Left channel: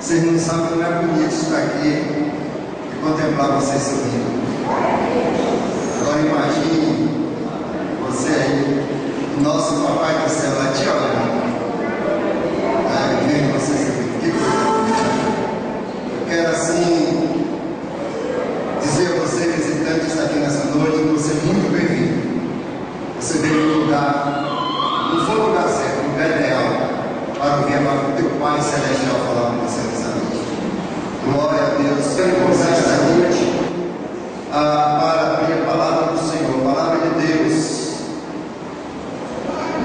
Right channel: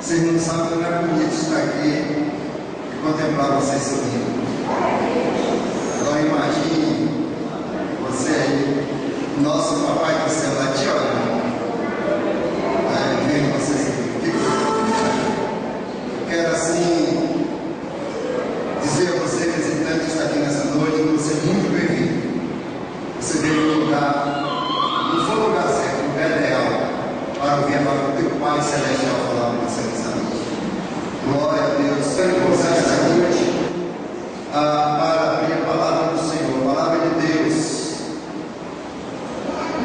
Vocês não sabem como é bonito estar aqui e contemplar vocês sorrindo. Agora imagine você aí, nosso Papai do Céu lá te olhando. Vendo vocês aqui. Eu quero assim dizer a você, visitante que está aqui nessa noite, que você é muito bem-vindo. Você veio no lugar, não foi o lugar certo, o lugar ideal, para ouvir agora o teu Pai Celestial falar com você nessa noite. Glória a Deus. Quero convidar essa noite para abrir a palavra do Senhor, a palavra de Deus,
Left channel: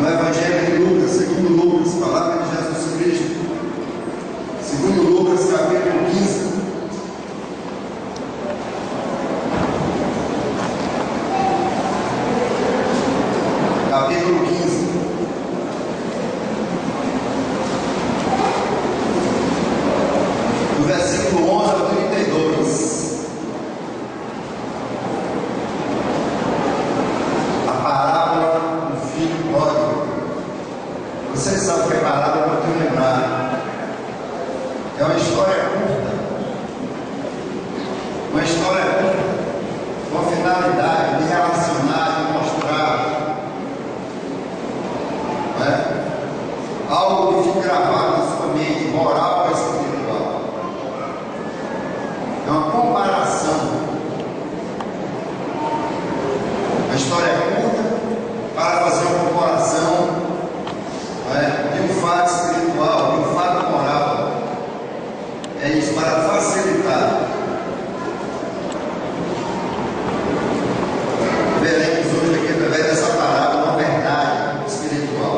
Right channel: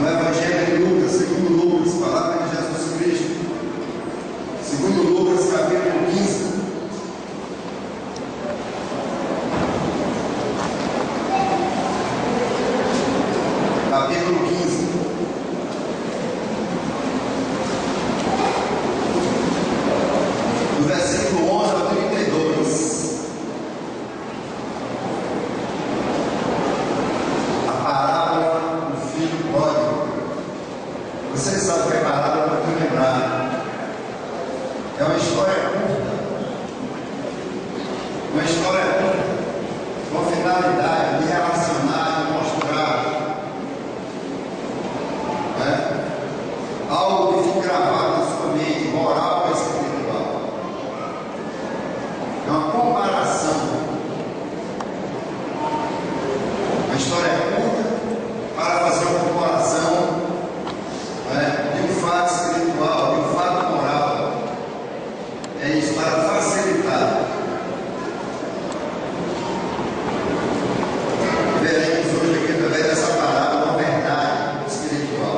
no Evangelho de Lucas, segundo Lucas, palavra de Jesus Cristo, segundo Lucas, capítulo 15. Capítulo 15. Do versículo 11 ao 32. A parábola do filho pródigo. Vocês sabem que a parábola, para te lembrar, é uma história curta. Uma história curta, com finalidade de relacionar, de mostrar algo que fica gravado na sua mente, moral ou espiritual. É uma comparação. A história é curta para fazer uma comparação de um fato espiritual, de um fato moral. É isso, para facilitar. Veremos hoje aqui, através dessa parábola, uma verdade espiritual.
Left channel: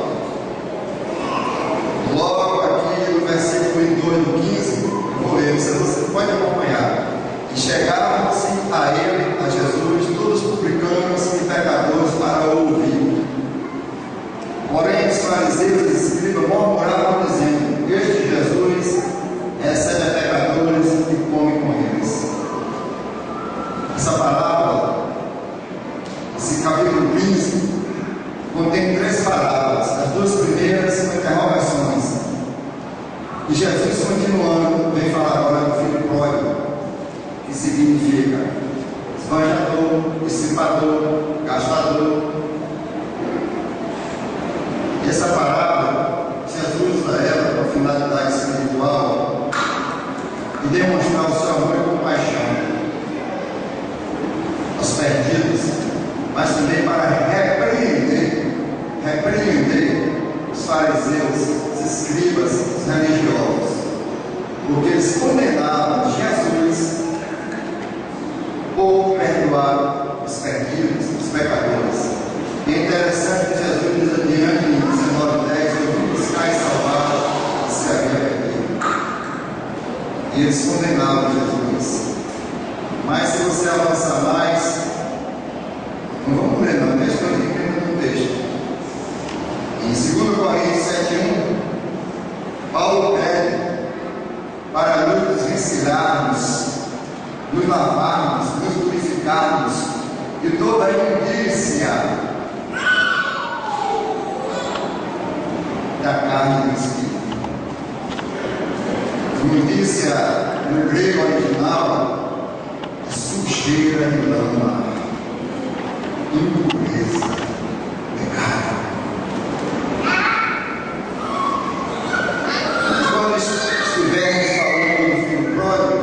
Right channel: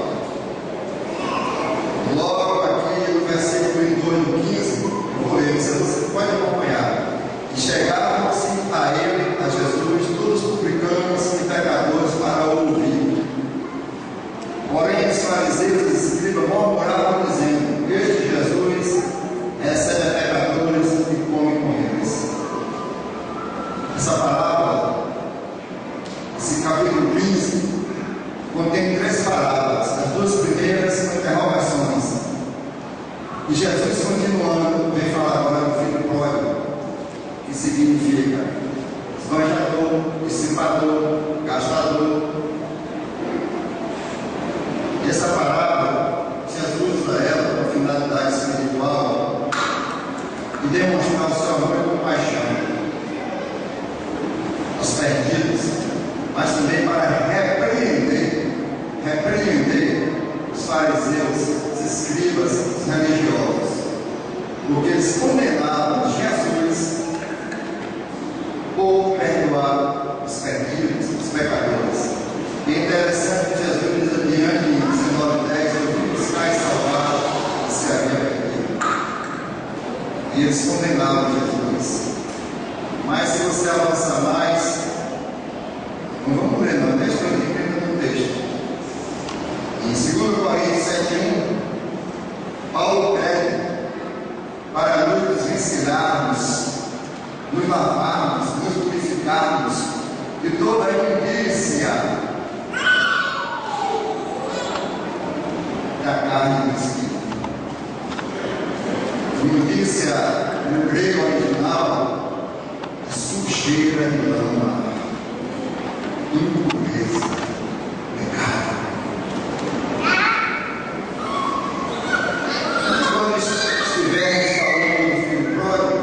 Logo aqui no versículo 2 do 15, eu vou ler, você pode acompanhar. E chegaram-se a ele, a Jesus, todos os publicanos e pecadores para ouvir. Porém, os fariseus e os escribas murmuravam, dizendo: Este Jesus recebe pecadores e come com eles. Essa parábola, esse capítulo 15, contém 3 parábolas. As 2 primeiras são interrogações. E Jesus, continuando, vem falar agora do filho pródigo, que significa esbanjador, dissipador, gastador. E essa parábola, Jesus usa ela com finalidade espiritual e demonstrar o seu amor e compaixão aos perdidos, mas também para repreender os fariseus, os escribas, os religiosos, porque eles condenavam Jesus por perdoar os perdidos, os pecadores. E é interessante que Jesus diz adiante em 19:10: eu vim buscar e salvar o que se havia perdido. E eles condenavam Jesus. Mas se você avançar mais, não vamos ler, não, deixa eu ler primeiro no texto. Em 2 Coríntios 7:1, Paulo pede para nos ensinarmos, nos lavarmos, nos purificarmos de toda a imundícia da carne do espírito. Imundícia no grego original é sujeira de lama, impureza, pecado. Quando estivermos falando do filho pródigo,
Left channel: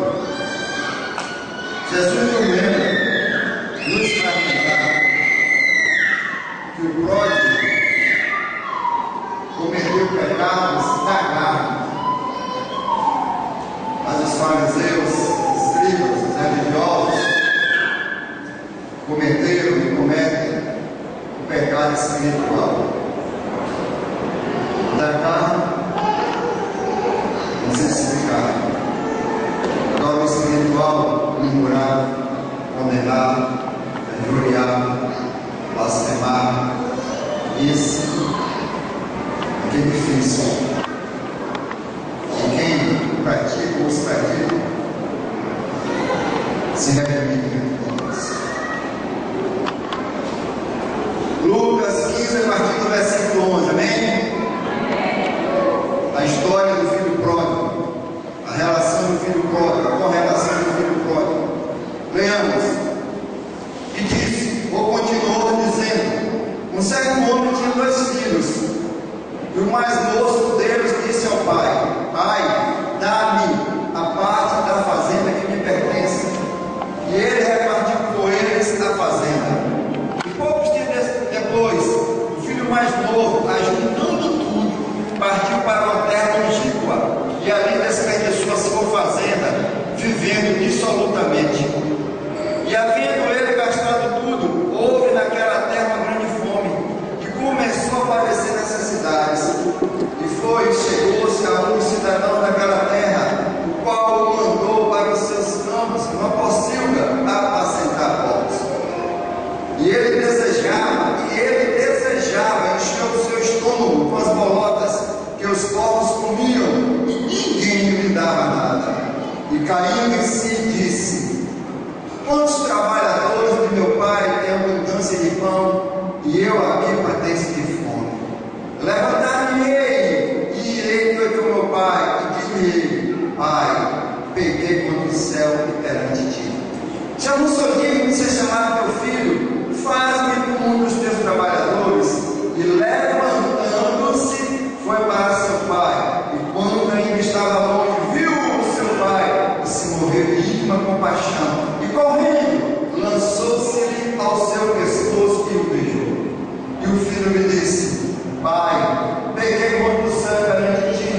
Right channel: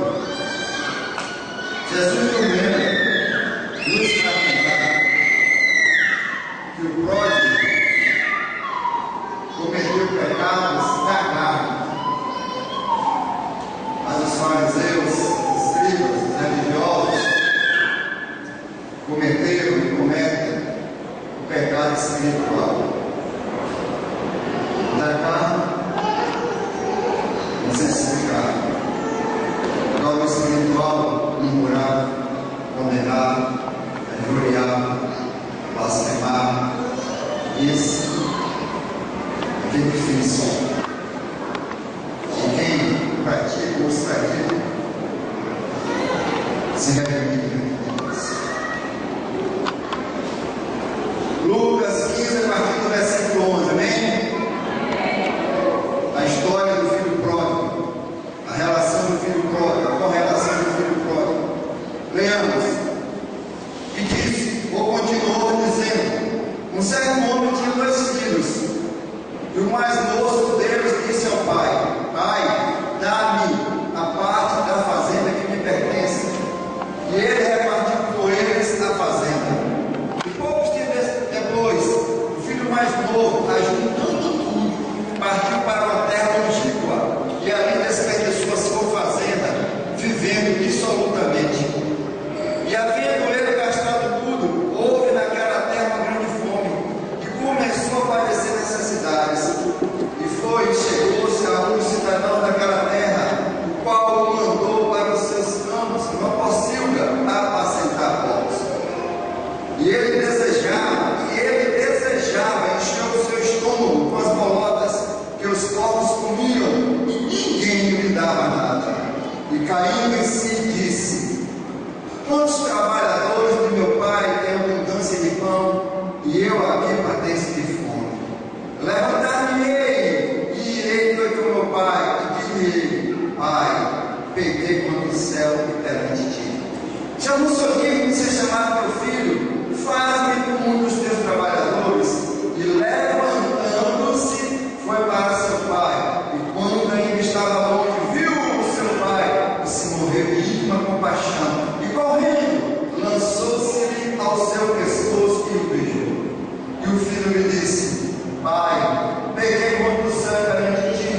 Jesus não lembra nos enfatizar que o pródigo cometeu pecados da carne, mas os fariseus, escribas, religiosos cometeram e cometem o pecado espiritual da carne, não sei se explicar. Agora o espiritual, murmurado, condenar, injuriar, blasfemar. Esse é aquele que fez som. E quem pratica ou se pratica, se redimir. Lucas 15, a partir do versículo 11, amém? A história do filho pródigo, a relação do filho pródigo, a correlação do filho pródigo. Leamos. E disse, ou continuou dizendo: um certo homem tinha 2 filhos, e o mais moço deles disse ao pai: Pai, dá-me a parte da fazenda que me pertence. E ele repartiu com eles a fazenda. E poucos dias depois, o filho mais novo, ajuntando tudo, partiu para uma terra longínqua, e ali desperdiçou a sua fazenda, vivendo dissolutamente. E havendo ele gastado tudo, houve naquela terra uma grande fome, e começou a padecer necessidades. E foi e chegou-se a um cidadão daquela terra, o qual o mandou para os seus campos, uma pocilga, a apacentar porcos. E ele desejava encher o seu estômago com as bolotas que os porcos comiam, e ninguém lhe dava nada. E caindo em si, disse: quantos trabalhadores de meu pai têm abundância de pão, e eu aqui padeço de fome? Levantar-me-ei e irei para o meu pai, e dir-lhe: Pai, pequei contra o céu e perante ti. Já não sou digno de ser chamado teu filho. Faz-me como um dos teus trabalhadores. E levantando-se, foi para seu pai. E quando ainda estava longe, viu o seu pai, e se moveu de íntima compaixão. E correndo, lançou-se-lhe ao seu pescoço e o beijou. E o filho lhe disse: Pai, peguei contra o céu perante ti,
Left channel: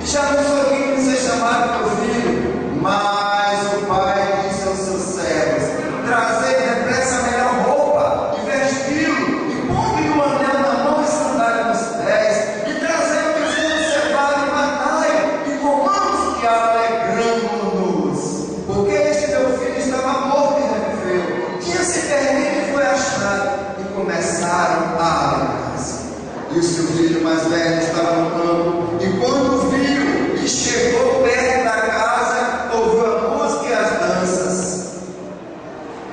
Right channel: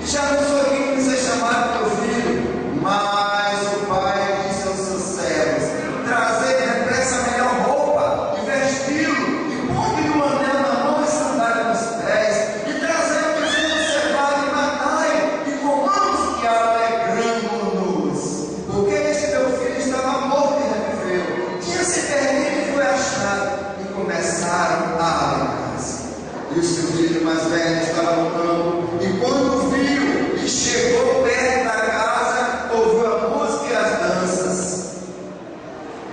e já não sou digno de ser chamado teu filho. Mas o pai disse aos seus servos: trazei depressa a melhor roupa, e vesti-lo, e ponde-lhe um anel na mão e sandália nos pés, e trazei o bezerro cevado e matai, e comamos e alegramo-nos. Porque este teu filho estava morto e reviveu, tinha se perdido e foi achado, e começaram a alegrar-se. E o seu filho mais velho estava no campo, e quando viu e chegou perto da casa, ouviu a música e as danças.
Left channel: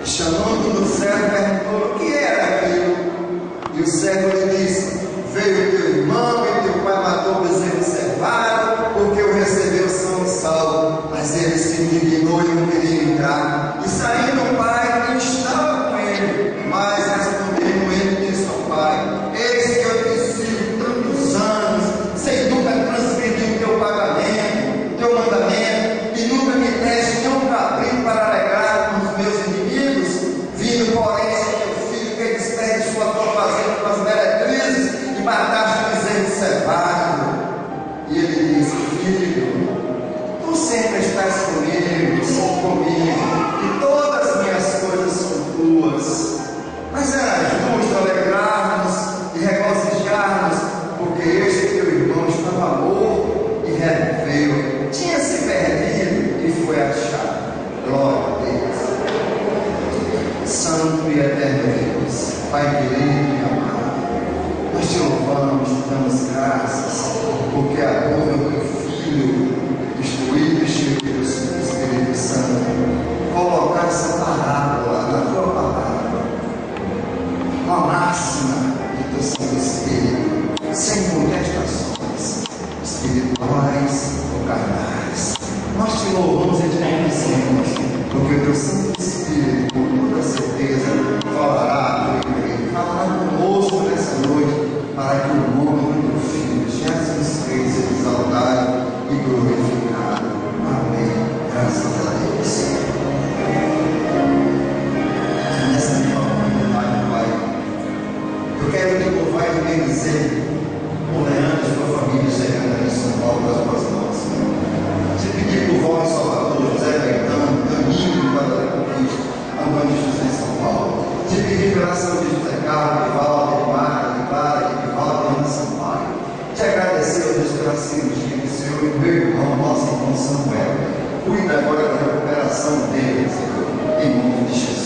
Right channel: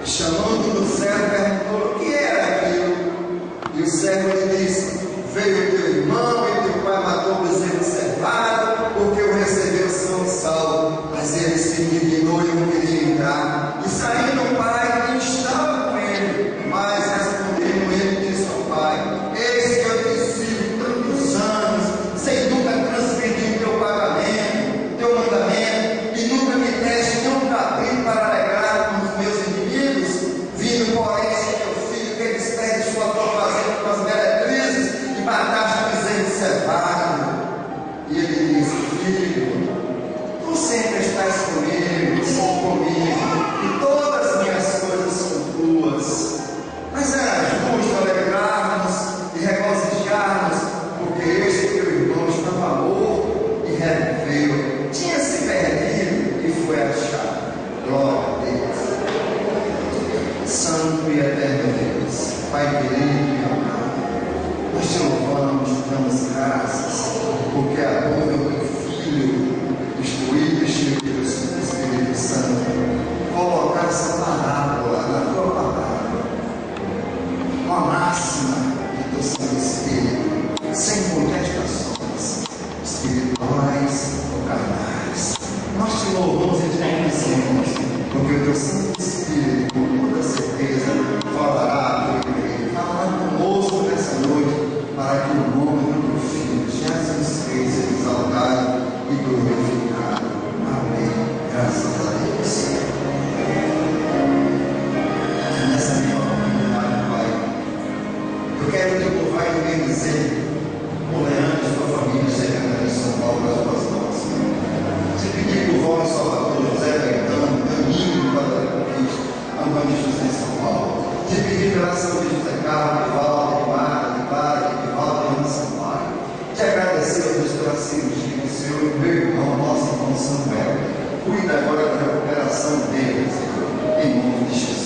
E chamando do servo, perguntou o que era aquilo. E o servo lhe disse: veio teu irmão e teu pai matou o bezerro cevado, porque o recebeu são e salvo. Mas ele se indignou e não queria entrar. E saindo o pai, estava com ele. Mas respondendo ele, disse ao pai: eis que eu te sigo tantos anos, sem nunca transgredir o teu pagamento, teu mandamento, e nunca me deste nenhum cabrito para alegrar com os meus inimigos. Vindo, porém, esse teu filho que desperdiçou a tua fazenda com as meretrizes, e mataste o bezerro cevado. E ele disse: filho, tu sempre estás comigo, e todas as minhas coisas são tuas. Mas era justo alegrarmos e regozijarmos, porque este teu irmão estava morto e reviveu, tinha se perdido e foi achado. Glória a Deus. Santo e eterno Deus, Pai querido e amado, nós te louvamos, te damos graças, porque a tua do Filho, instruído e cheio do Espírito Santo, colocar essa parábola na tua palavra, uma máxima do teu Santo Espírito, sem contestações espirituais ou carnais. Nós te louvamos e te agradecemos, porque o teu Santo Espírito, com toda certeza, falará conosco nessa noite, para que o nome do teu Filho Jesus Cristo seja exaltado e glorificado. Amém. Graças a Deus. Nessa minha oportunidade, Pai, eu quero te louvar e bendizer por Leandro e sua família chegando em São Paulo das tuas mãos. Te pedir por voz Salvador, José Gaetano, Caminho para a Conquista, Antônio José em São Paulo. Te pedir pela saúde de José Carlos, de Valde, de Mara, de Clara, de Valde e Ana Sampaio. Te agradecer, Deus, pela cirurgia do Senhor e meu irmão, nosso irmão Samuel. Cuida agora da recuperação dele, Senhor, em nome de Jesus.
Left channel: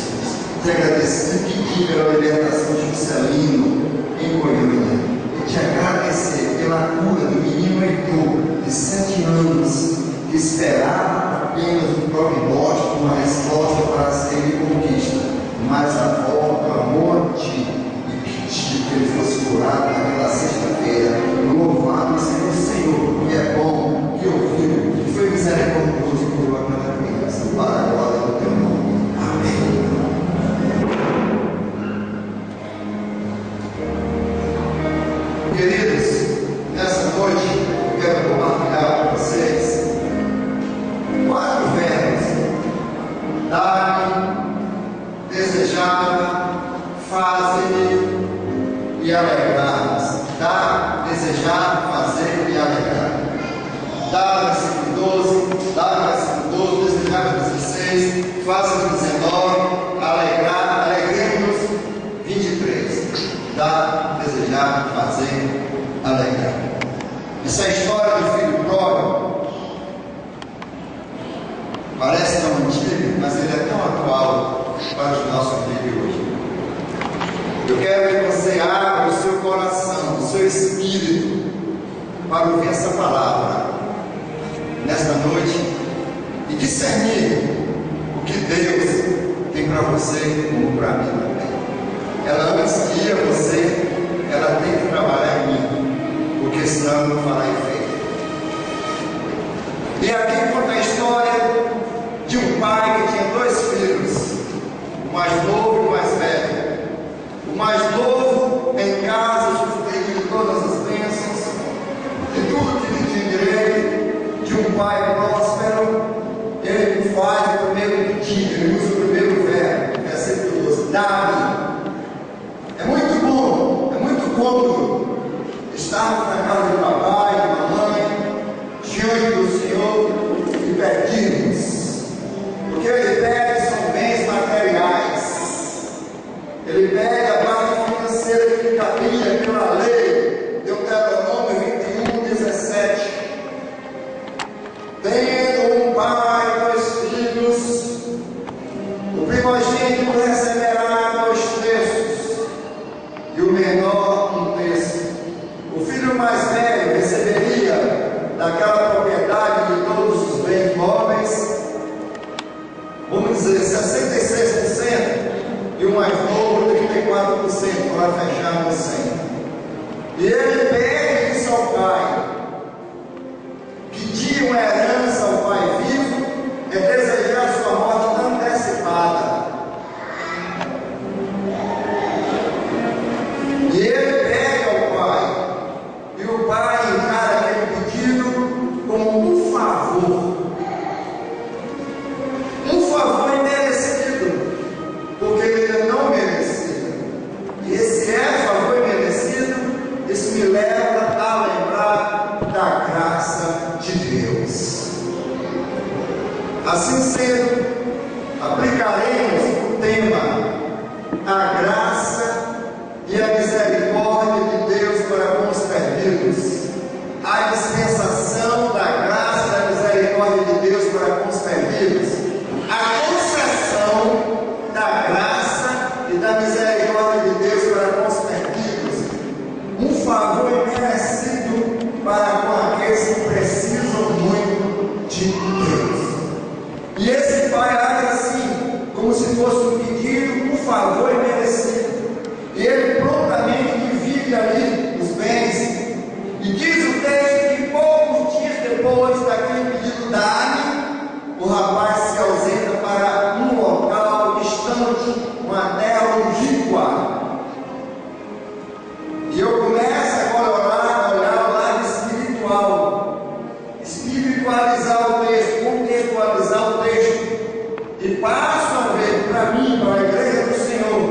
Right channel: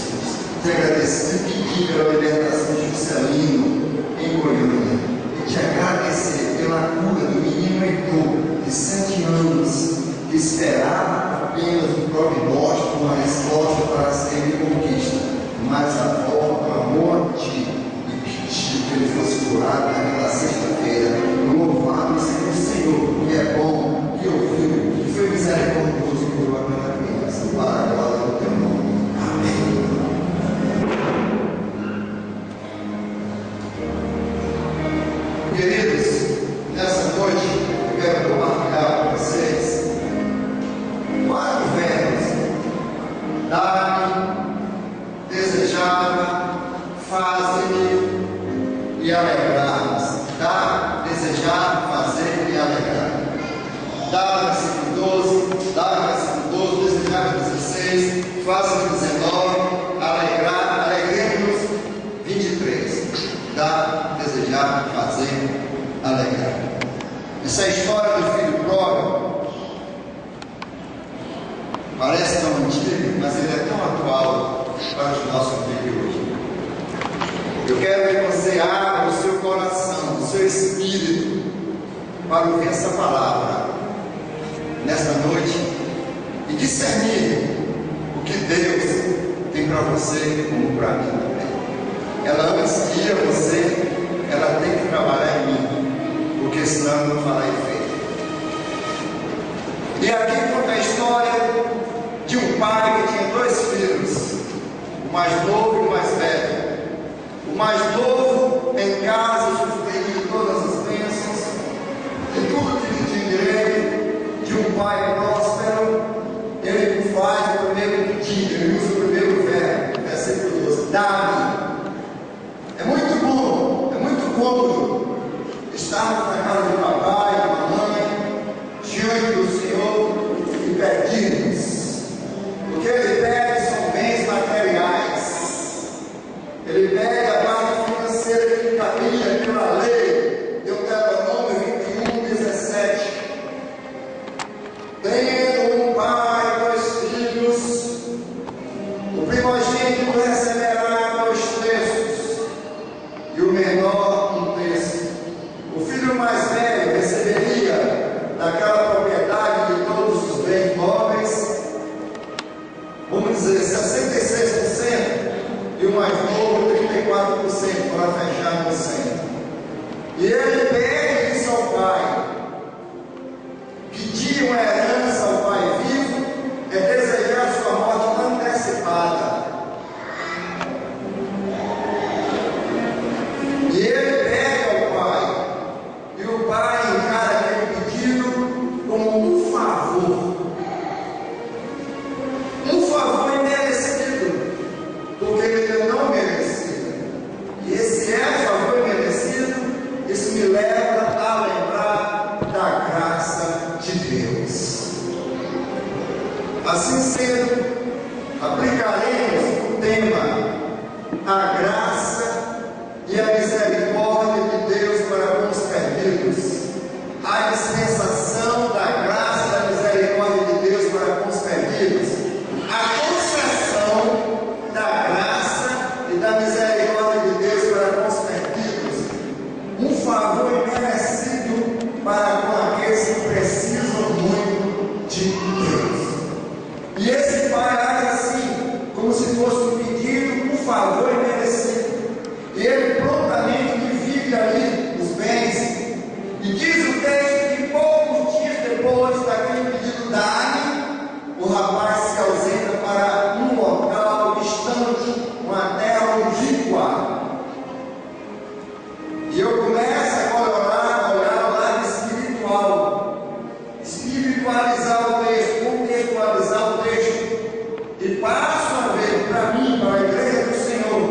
te agradecer e pedir pela libertação de Juscelino em Goiânia, e te agradecer pela cura do menino Heitor, de 7 anos, que esperava apenas um prognóstico, uma resposta para ser conquista, mas a avó clamou a ti e pediu que ele fosse curado naquela sexta-feira. Louvado seja o Senhor, que é bom, que ouviu, que foi misericordioso e curou aquela criança. Para a glória do teu nome. Amém. Queridos, nessa noite eu quero compartilhar com vocês 4 verbos: dar, desejar, fazer e alegrar-nos. Dar, desejar, fazer e alegrar. Dar, versículo 12, dar, versículo 12, desejar, 16, fazer, 19, alegrar, alegremos, 23. Dar, desejar, fazer, alegrar. Essa é a história do filho pródigo. Parece tão antigo, mas ele é tão atual para os nossos dias de hoje. Eu quero que você abra o seu coração, o seu espírito, para ouvir essa palavra nesta noite e discernir o que Deus tem para você como para mim também. Ela antes guia você, ela tem que trabalhar em mim, porque senão eu não fará efeito. E aqui conta a história de um pai que tinha 2 filhos, o mais novo e o mais velho. O mais novo em casa usufruía todas as bênçãos e tudo que lhe tinha direito de um pai próspero. Ele faz o primeiro pedido, ele usa o primeiro verbo, versículo 12: dá-me. É muito bom, é muito cômodo estarmos na casa de papai e mamãe, diante do Senhor e pedirmos, porque Ele pede são bens materiais. Ele pede a parte financeira que cabia pela lei, Deuteronômio 21:17. Tendo um pai, 2 filhos, o primogênito receberá 2 terços, e o menor 1 terço. O filho mais velho receberia daquela propriedade de todos os bens móveis, vamos dizer, 66%, e o mais novo 34%, para fechar no 100%. E ele pede isso ao pai. Pedir uma herança ao pai vivo é desejar sua morte antecipada. E ele pede ao pai, e o pai encara aquele pedido como um favor. Um favor imerecido, porque ele não merecia. E esse favor imerecido, isso me leva a lembrar da graça de Deus. Assim sendo, aplicaremos o tema: a graça e a misericórdia de Deus para com os perdidos. A dispensação da graça e da misericórdia de Deus para com os perdidos. A concessão da graça e da misericórdia de Deus para com os perdidos. Um favor imerecido para com aqueles que precisam muito de Deus. E esse pai age assim, como se fosse um pedido, um favor imerecido. E ele prontamente divide ali os bens. E diz o texto que poucos dias depois daquele pedido dado, o rapaz se ausenta para um local distante, uma terra longínqua. E eu começo agora a olhar o lado espiritual, espiritualizar o texto, contextualizar o texto, e passo a ver para mim, para a igreja do Senhor,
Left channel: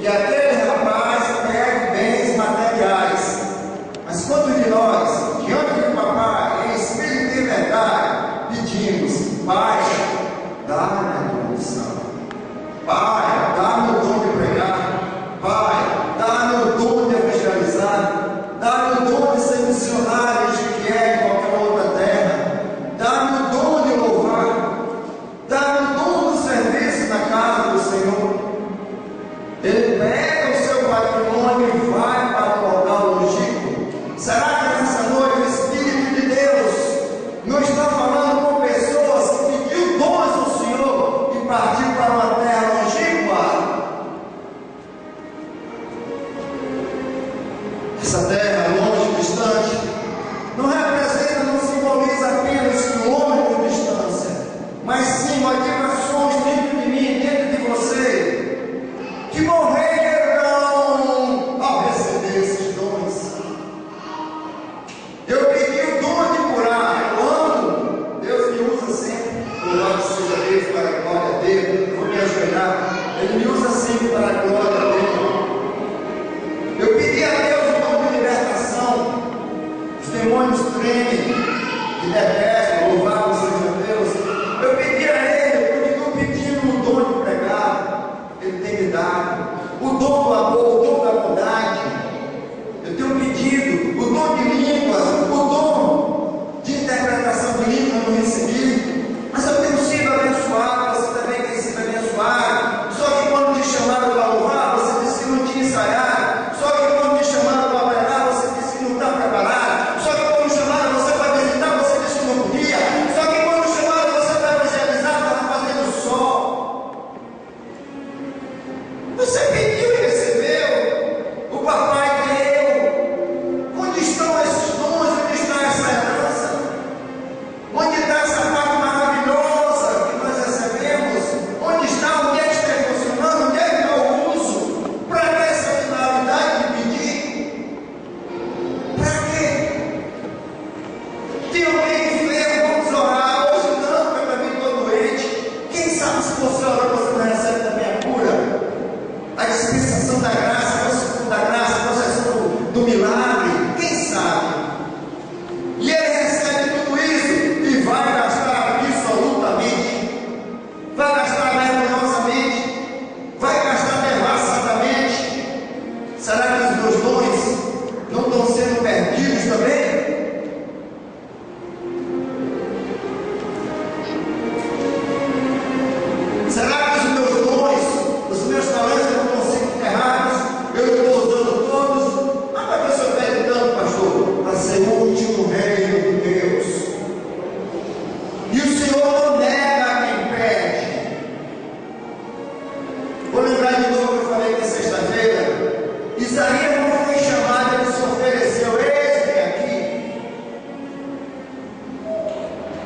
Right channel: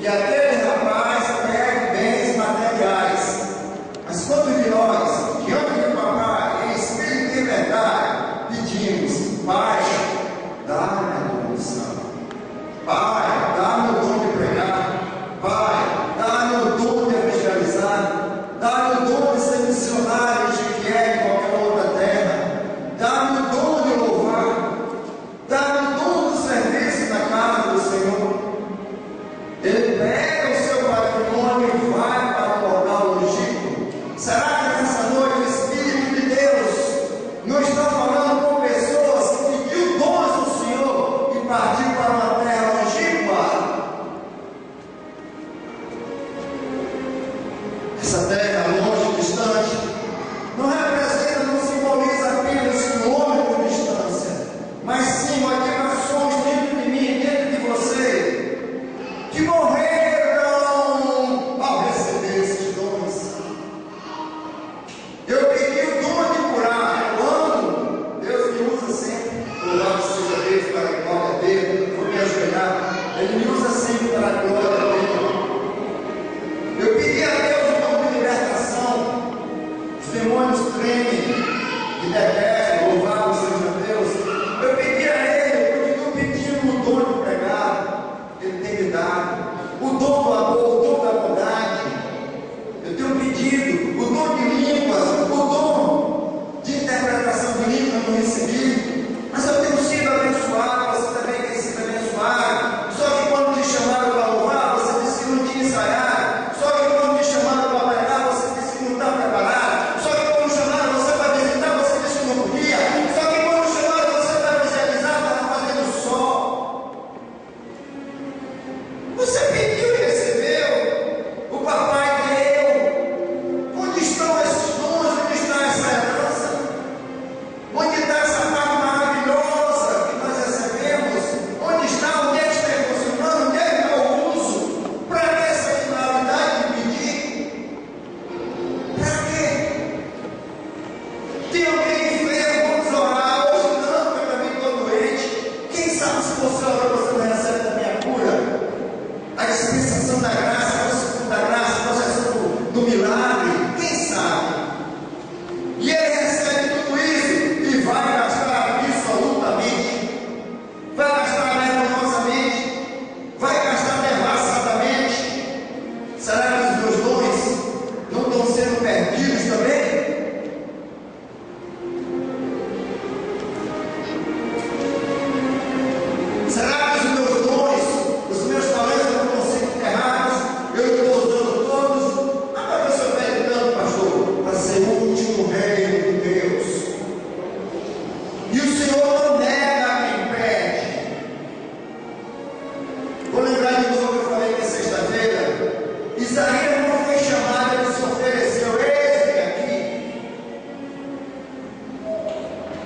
que aquele rapaz pede bens materiais. Mas quantos de nós, diante do papai, em espírito e verdade, pedimos: Pai, dá-me a condição. Pai, dá-me o dom de pregar. Pai, dá-me o dom de evangelizar. Dá-me o dom de ser missionário de que é em qualquer outra terra. Dá-me o dom de louvar. Dá-me o dom do serviço na casa do Senhor. Ele pega o seu patrimônio e vai para o local longínquo. Será que nessa noite o Espírito de Deus não está falando com pessoas que pediu dons do Senhor e partiu para uma terra longínqua? Essa terra longe, distante, não representa, não simboliza apenas quilômetros de distância, mas sim motivações dentro de mim, dentro de você, que morreram ao receber esses dons. Eu pedi o dom de curar, quando Deus me usa sempre, louvado seja Deus, para a glória dele, vou me ajoelhar, Ele me usa sempre para a glória dele. Eu pedi a Deus o dom de libertação, os demônios tremem, que detestam, louvado seja Deus. Eu pedi a Ele, eu continuo pedindo o dom de pregar, Ele tem me dado, o dom do amor, o dom da bondade. Eu tenho pedido o dom de línguas, o dom de interpretação de línguas eu não recebi, mas eu tenho sido abençoado, você também tem sido abençoado. Só que quando te chamaram para louvar, você disse que não tinha ensaiado. Só que quando te chamaram para pregar, você disse que não está preparado. Só que quando chamaram você para visitar, você disse que não podia. Só que quando chamaram você para evangelizar, estava fazendo sol. Você pediu e recebeu. O papai deu. Onde estão esses dons? Onde está essa herança? Onde está essa parte maravilhosa que nós recebemos? Onde está? Onde é que está funcionando? Onde é que eu uso? Para que essa finalidade de pedir? Para quê? Tem alguém enfermo? Vamos orar. Hoje não, porque eu também estou doente. Quem sabe se você ora, você não recebe também a cura? A dispensação da graça, a concessão do milagre, quem sabe? E ele recebe tudo isso e vai gastar absolutamente, vai gastar vergonhosamente, vai gastar devassadamente. Será que os meus dons não estão sendo perdidos também? Será que os meus dons, os meus talentos não estão sendo enterrados? Eu estou usando todos? Ah, mas você pede tanto, pastor, para ser útil no reino de Deus. E o Senhor não nega quem pede. Vou lembrar de novo que eu falei na sexta-feira. Isaías não foi chamado, ele se ofereceu. Eis-me aqui.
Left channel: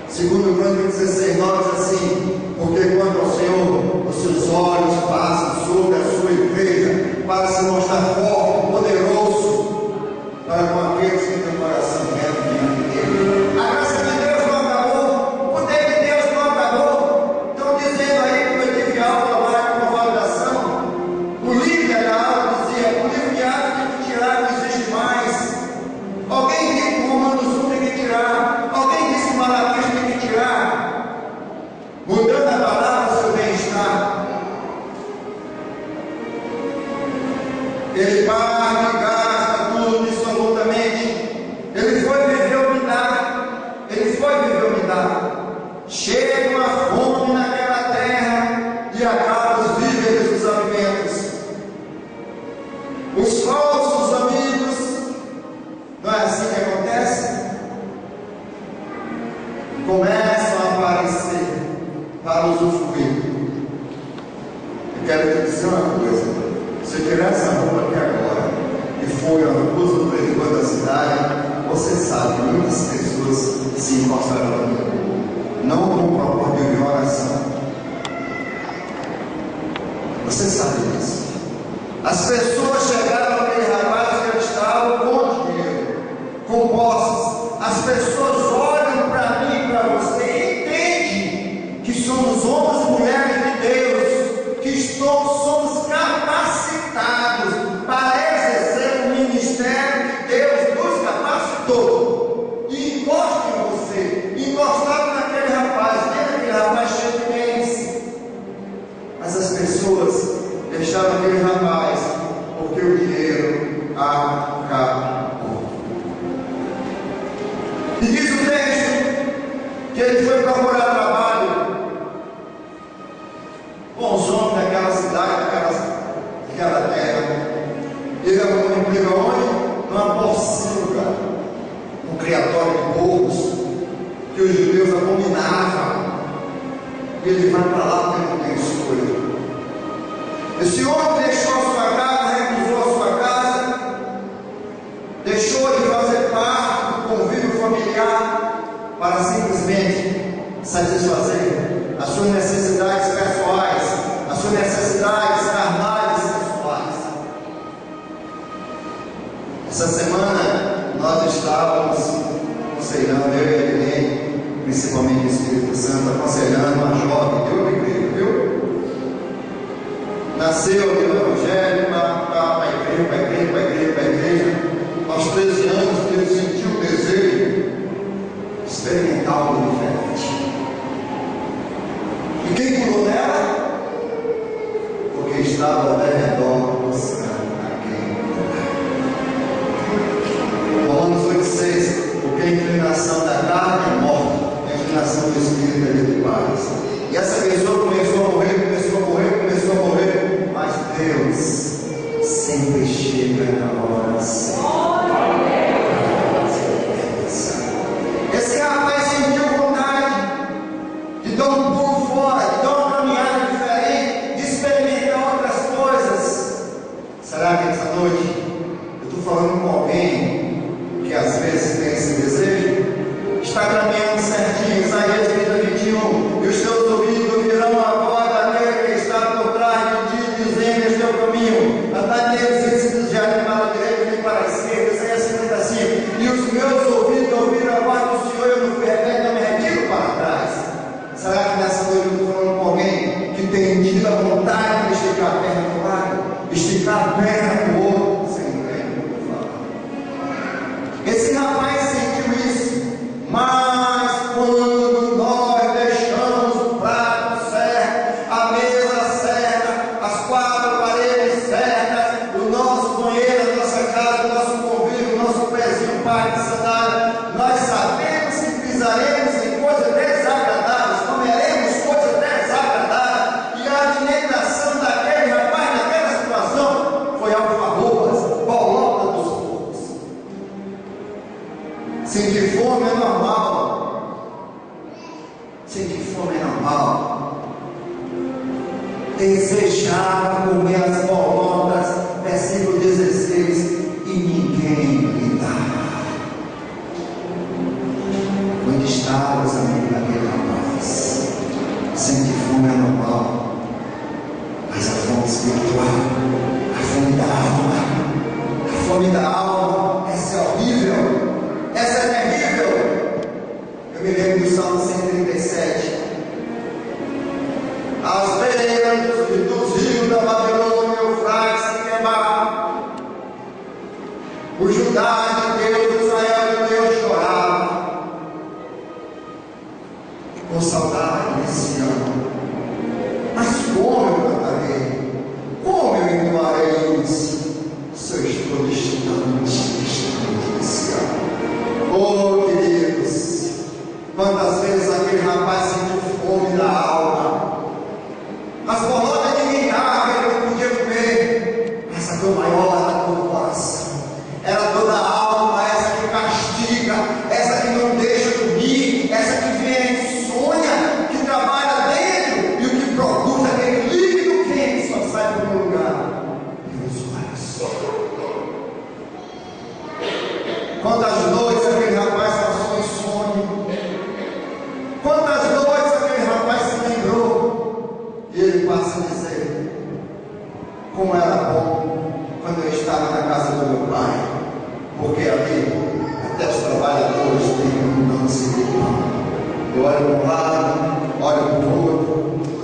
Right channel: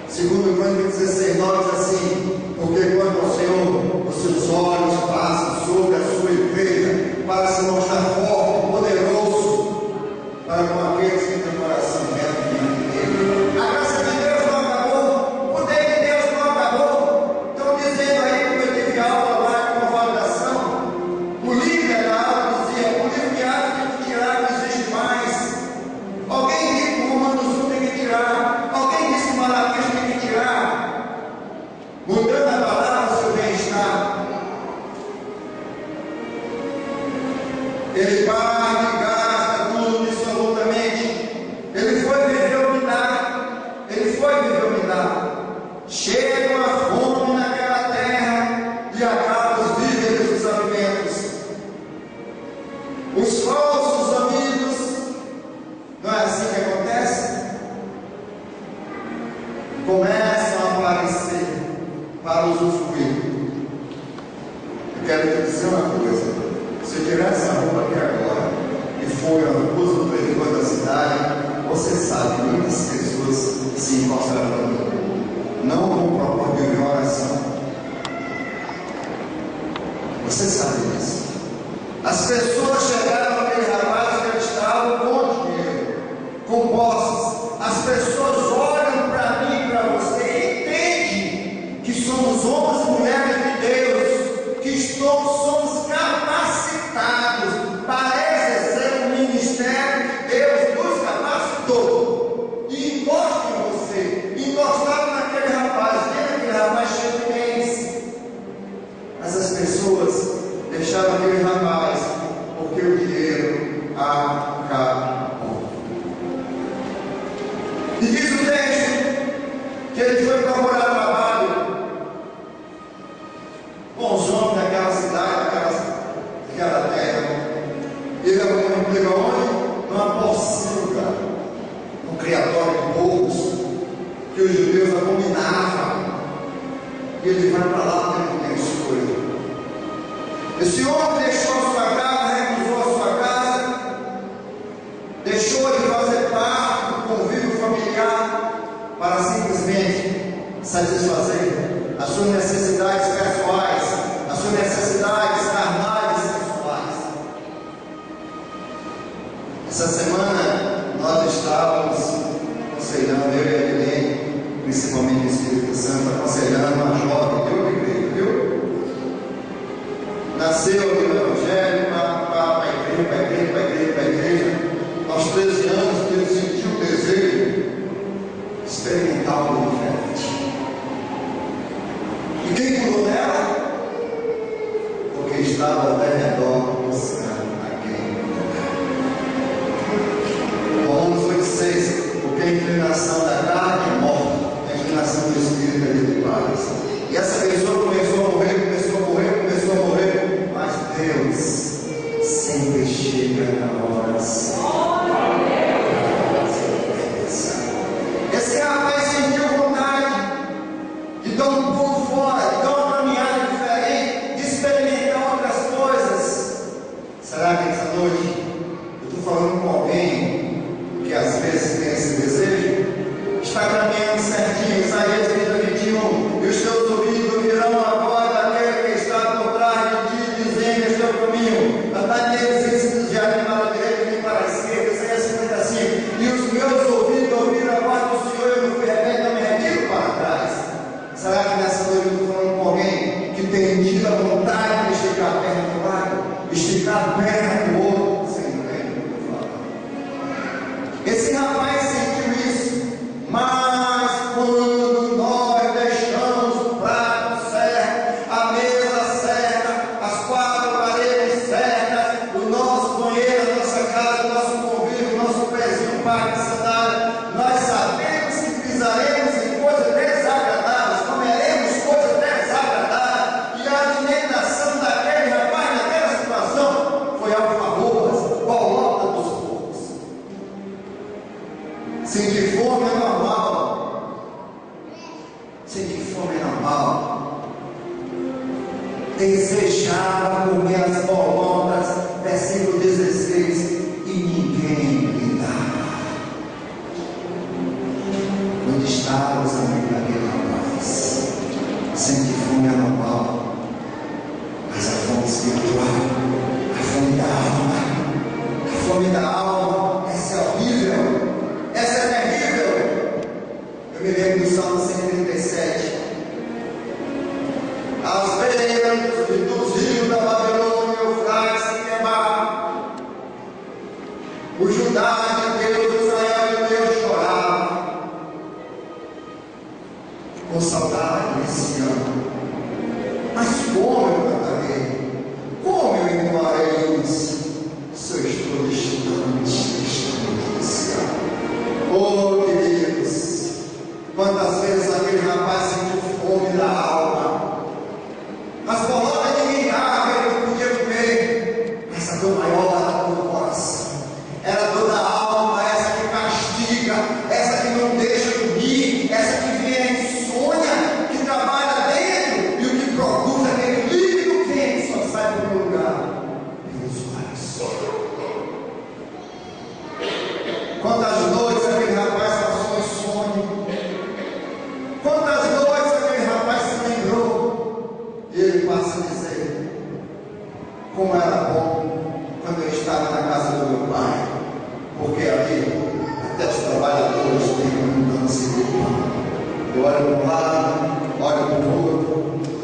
Segundo Crônicas 16:9 diz assim: porque quando o Senhor, os seus olhos passam sobre a sua igreja, para se mostrar forte, poderoso, para com aqueles que têm coração reto diante dele. A graça de Deus não acabou, o poder de Deus não acabou. Estão dizendo aí que eu tive aula agora com validação. O líder da aula dizia: o livro de Atos tem que tirar, não existe mais. Alguém disse que Romanos 1 tem que tirar, alguém disse que Malaquias tem que tirar, mudando a palavra, seu bem-estar. Ele paga, gasta tudo absolutamente. Ele foi viver humildade. Ele foi viver humildade. Chega uma fome naquela terra e acaba os víveres dos alimentos. Os falsos amigos, não é assim que acontece? Começam a aparecer para usufruir. Eu quero te dizer uma coisa: se eu tirar essa roupa aqui agora e for a luz do corredor da cidade, você sabe que muitas pessoas se encontrarão em mim. Não com propósito de oração. Você sabe disso. As pessoas chegaram àquele rapaz que estava com dinheiro, com posses. As pessoas olham para mim, para você, e entendem que somos homens e mulheres de Deus, que somos capacitados para exercer o ministério que Deus nos capacitou. E encosta em você, encostado naquele rapaz, vendo aquele rapaz cheio de bens. Mas as pessoas deixaram aquele rapaz porque o dinheiro acabou. E diz o texto que ele foi procurar trabalho com os homens daquela cidade, daquela que os judeus abominavam. E ele vai para lá porque não tem escolha. Esse homem deixou a sua casa, recusou a sua casa, deixou de fazer parte do convívio familiar para simplesmente satisfazer as suas necessidades pessoais, as suas necessidades carnais e sexuais. Essa semana nós estávamos aconselhando, eu e a Helene, principalmente o Espírito Santo, aconselhando uma jovem de outra igreja, viu? Nasceu no Evangelho, para a igreja. Aos 13 anos ele sentiu o desejo de experimentar algo diferente. E quem curou nela? Porque estava ao redor buscando a quem curar. Romanos 8,6: porque a inclinação da carne é morte, a inclinação do Espírito é de paz. E essa pessoa começou a morrer, mas Deus sempre chega na hora certa. Esse rapaz sentiu vontade de dar um pulo fora, de dar uma caminhada diferente, de experimentar outras coisas. Será que essa noite eu estou falando com alguém que às vezes tem esse desejo? Está caminhando certinho, Isaías 30:21, e os teus ouvidos ouvirão a voz daquele que está por trás de ti, dizendo: este é o caminho, andai neles, ensinos para a direita e para a esquerda. Isaías 55, e os meus ouvidos ouviram a voz do Senhor, eu não me retiro para trás. Será que nessa noite eu estou falando com alguém que tem tido a vontade de esticar a perna para o lado, esticar a perna para o outro, sem entender o que eu falo? Esse rapaz sentiu isso, mas quando nós deixamos o prato certo, a mesa certa, as quatro paredes certas, o nosso banheiro, a nossa casa, o nosso convívio, o nosso pezinho, parte de sandália, nós sabemos que pisaremos em coisas desagradáveis, comeremos coisas desagradáveis, e a alimentação daquele rapaz, naquela situação, foi alfarrobas, bolota dos porcos. Sentir fome é normal. Sentir fome é normal. Desejava comer as bolotas, versículo 16, e ninguém lhe dava. Onde estavam os amigos daquele rapaz? Sentir fome é normal, mas a fome espiritual, a fome da alma, a fome da alma, essa é horrível. Essa é terrível. Eu me lembro do Salmo 137. As beiras dos rios da Babilônia, o Eufrates se queimavam. O Judá de Deus, Israel de Deus chorava com saudade desse ano. Mas como eu cantarei? Como eu entoarei isso? Se eu estou distante desse ano. Oh, queridos, quantas vezes aquele rapaz sentiu fome da alma. As bolotas ninguém dava, ele não podia comer. Essa dor maior era a dor do coração, era a dor da alma, essa que castiga, essa que não deixa dormir, essa que vem insônia, que trabalha dentro e o que produz aquele líquido quente só sai do meu lugar pelos olhos. Quantas noites aquele rapaz passou insônia, quantas noites aquele rapaz se lembrou, e ele passa a dizer: como era bom quando eu estava na casa do meu pai, porque ali até os trabalhadores têm abundância de pão. Eu olho para um lado, olho para o outro,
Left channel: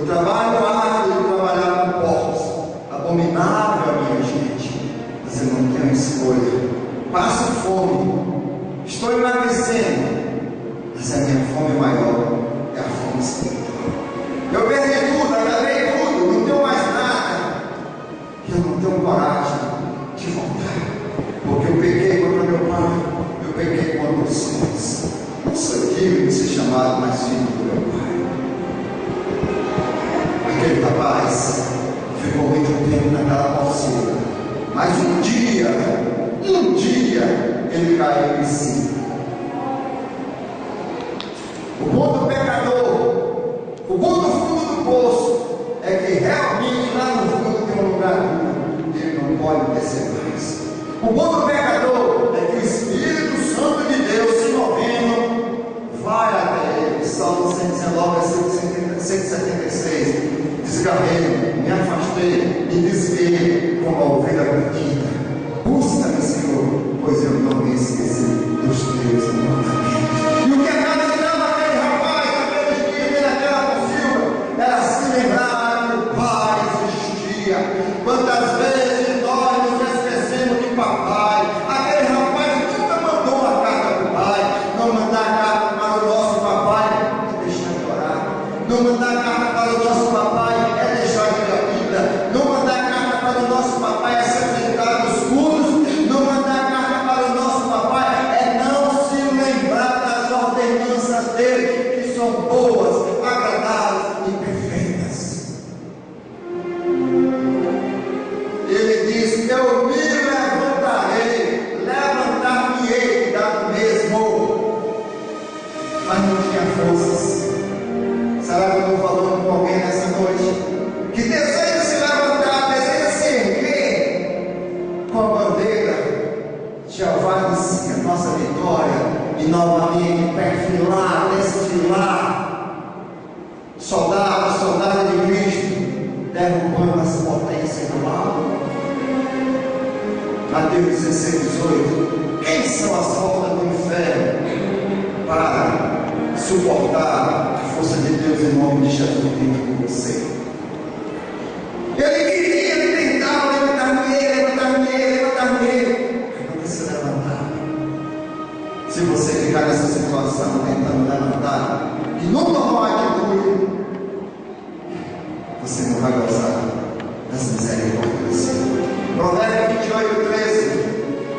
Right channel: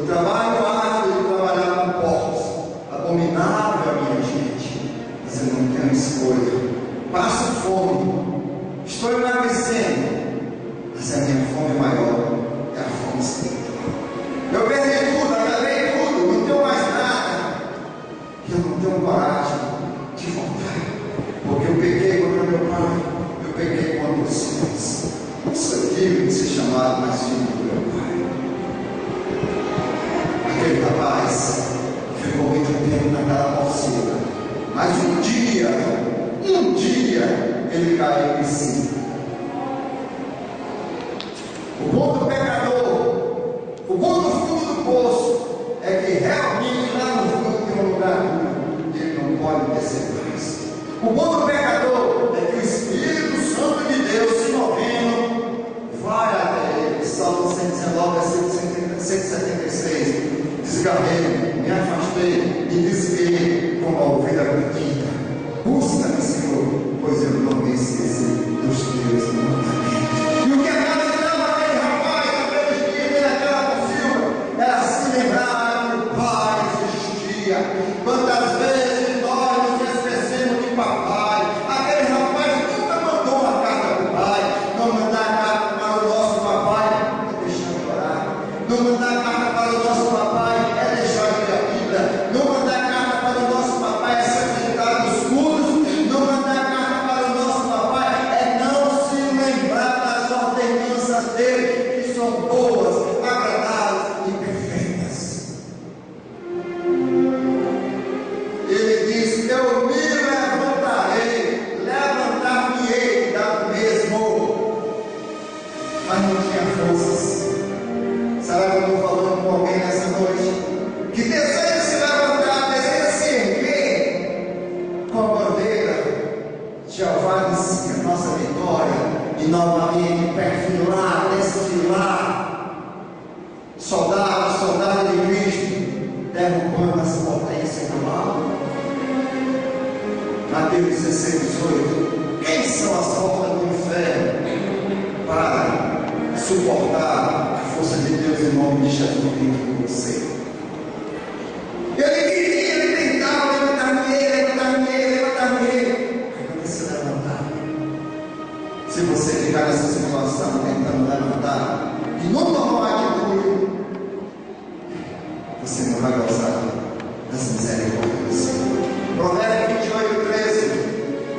o trabalho árduo de trabalhar com porcos, abominável a minha gente, mas eu não tenho escolha. Passo fome, estou emagrecendo, mas a minha fome maior é a fome espiritual. Eu perdi tudo, acabei tudo, não tenho mais nada, e eu não tenho coragem de voltar, porque eu pequei contra meu pai, eu pequei contra os céus. Não sou digno de ser chamado mais filho do meu pai. Aquele rapaz ficou muito tempo naquela porcina, mas um dia ele caiu em si. O bom do pecador é que o Espírito Santo de Deus, se movendo, vai até ele. Salmo 119, versículo 176. Desgarrei, me afastei, me desviei como a ovelha perdida. Busca-me, Senhor, pois eu não me esqueci dos teus mandamentos. E o que acreditava aquele rapaz, naquele dia, naquela possível, era se lembrar que o Pai existia. Quantas vezes nós nos esquecemos de papai? Aquele rapaz nunca mandou uma carta para o pai. Não mandar carta para o nosso papai é deixar de orar. Não mandar carta para o nosso papai é deixar de ir à vida. Não mandar carta para o nosso papai é se apresentar nos cultos. Não mandar carta para o nosso papai é não se lembrar das ordenanças dele, que são boas, agradáveis e perfeitas. Ele diz: eu me levantarei, levantar-me-ei da mesmo. Mas não tinha forças. Será que eu estou falando com alguém nessa noite que deseja se levantar, deseja se erguer com a bandeira? Jeová inicia a nossa vitória e novamente perfilar, desfilar, soldado de Cristo, derrubando as potências do mal. Mateus 16, 18. Quem são as portas do inferno para suportar a força de Deus em nome de Jesus dentro de você? Ele queria, ele tentava levantar-me, não se levantar. Se você ficar nessa situação tentando levantar e nunca tomar atitude, você não vai gozar das misericórdias do Senhor. Provérbios 28, 13.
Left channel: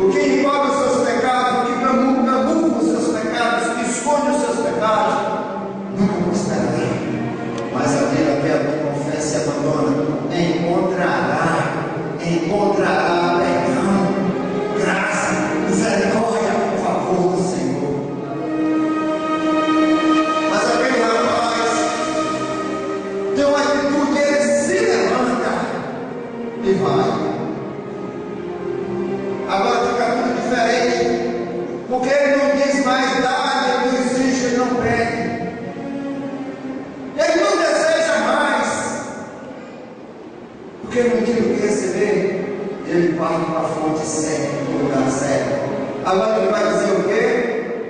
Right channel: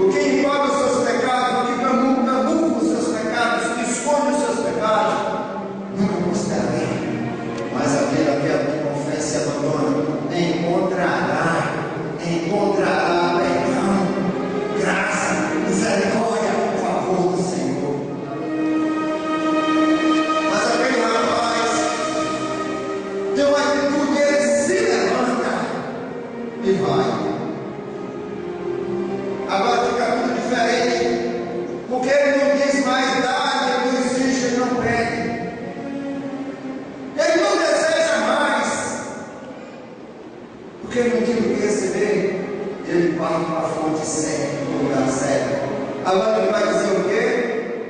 O que encobre os seus pecados, o que camufla os seus pecados, o que esconde os seus pecados, nunca prosperará. Mas aquele que confessa e abandona encontrará perdão, graça, misericórdia, favor do Senhor. Mas aquele rapaz tem uma atitude, ele se levanta e vai. Agora fica tudo diferente, porque ele não diz mais dá, ele não existe, ele não pede, ele não deseja mais, porque ele não tinha o que receber, ele parte para a fonte certa, para o lugar certo. Agora ele vai dizer o quê?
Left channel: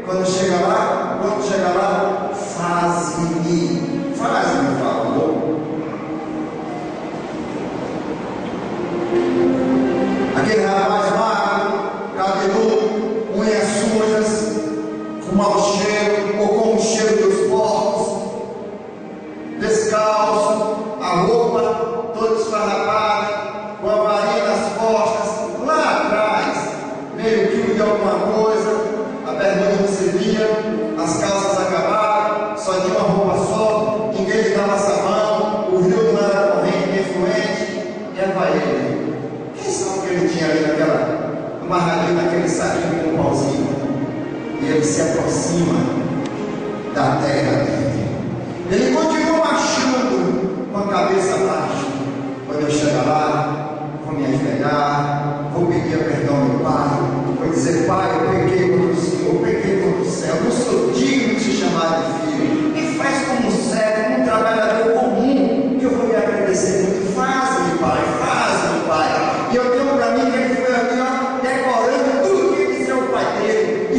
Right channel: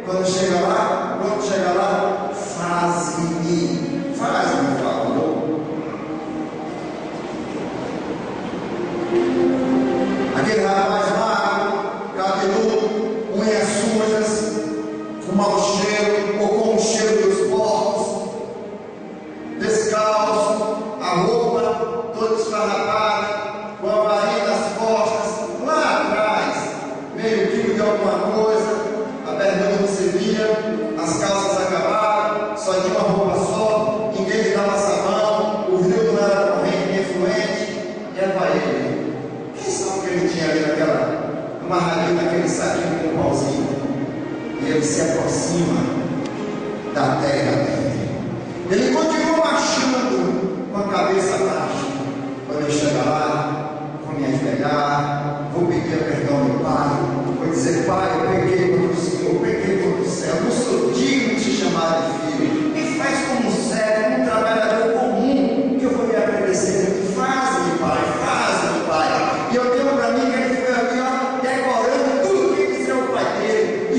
Quando chega lá, faz-me favor. Aquele rapaz magro, cabeludo, unhas sujas, com mau cheiro ou com o cheiro dos porcos, descalço, a roupa toda esfarrapada, com a varinha nas costas, lá atrás, meio quilo de alguma coisa, a bermuda não servia, as calças acabaram, só tinha uma roupa só, ninguém lhe dava sabão, o rio não era corrente nem fluente, e aí vai ele. Quem sabe que ele tinha ali amarradinho naquele saquinho com um pauzinho? E ele se aproxima da terra dele. Ele continua marchando com a cabeça baixa. Quando eu chegar lá, vou me ajoelhar, vou pedir perdão ao meu pai, vou dizer: pai, eu pequei contra o Senhor, eu pequei contra o céu, não sou digno de te chamar de filho. Me faz como um servo, como um trabalhador comum, que eu vou me agradecer muito. Faz-me, pai, faz-me, pai. E eu tenho para mim que ele foi aqui, ó, decorando tudo que ele dizia ao pai dele, e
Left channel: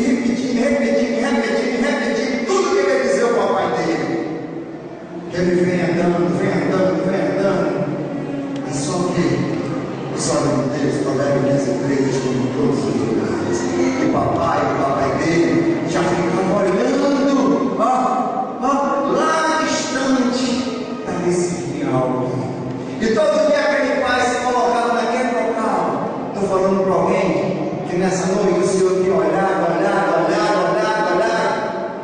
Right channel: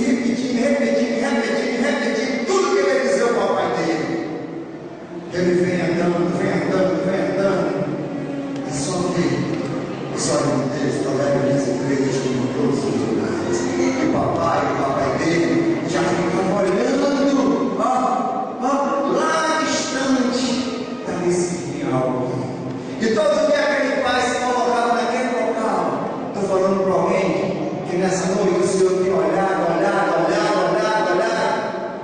repetindo tudo que ele ia dizer ao papai dele. Ele vem andando, é só que os olhos de Deus toleram as igrejas em todos os lugares. E o papai dele, já ficava olhando, lá distante, para ver se vinha algo. E todo dia aquele pai se colocava naquele local. Estou falando para alguém que nessa noite o Senhor tem olhado,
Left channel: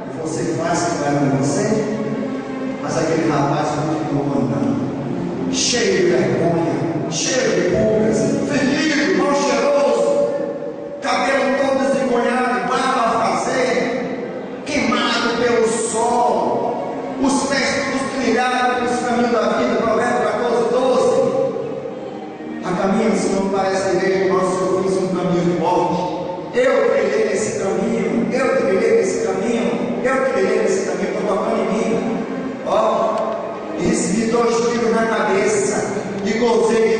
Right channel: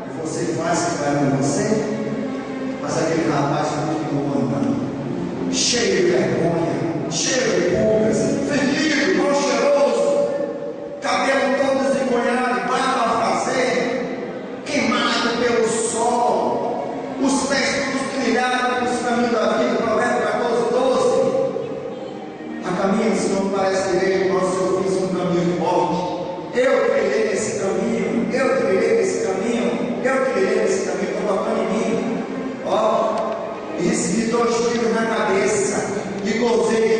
e você faz que vai com você. Mas aquele rapaz continuou andando, cheio de vergonha, cheio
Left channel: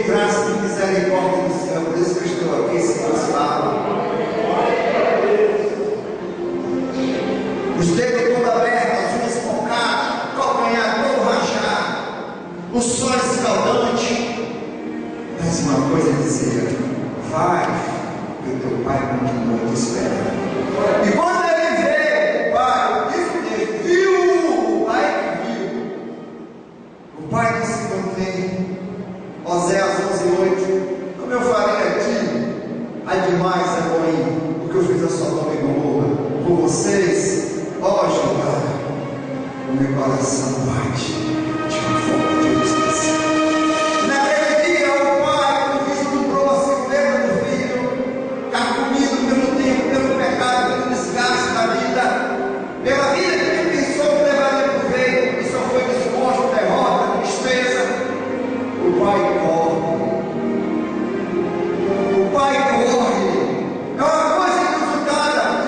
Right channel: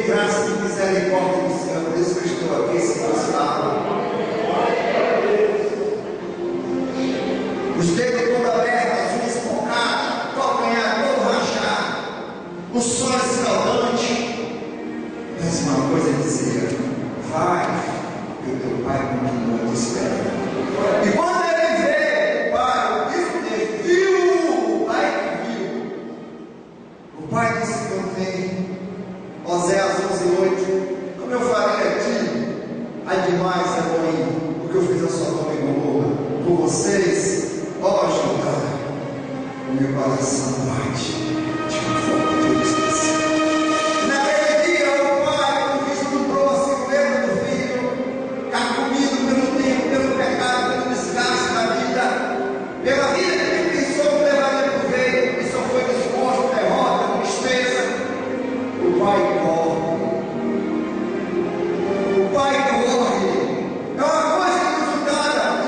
graça e misericórdia do Senhor. Por isso que eu estou aqui, se Deus fala. Os dedos todos abertos, as unhas esponcadas, calcanhar todo rachado, o sol escaldante. Mas uma coisa dizia: vai, que o teu pai continua te esperando. E quando ele veio, o pai, ele viu, o pai viu. O pai disse: não tem. Oséias 11:8. Como eu farei a ti? Ai demais, Elohim, o que eu fiz a Sodoma e Gomorra por vocês. Ó Jeová, o meu coração bate de uma forma que eu esqueci. Naquele dia, o pai, quando vislumbrou a silveira do filho, carcomido pelo tempo, pelo pecado, pelo desgaste da vida, pela vida que ele pensou que levaria por veio, e só foi desgosto, derrota, tristeza. O pai corre. O pai corre. É uma coisa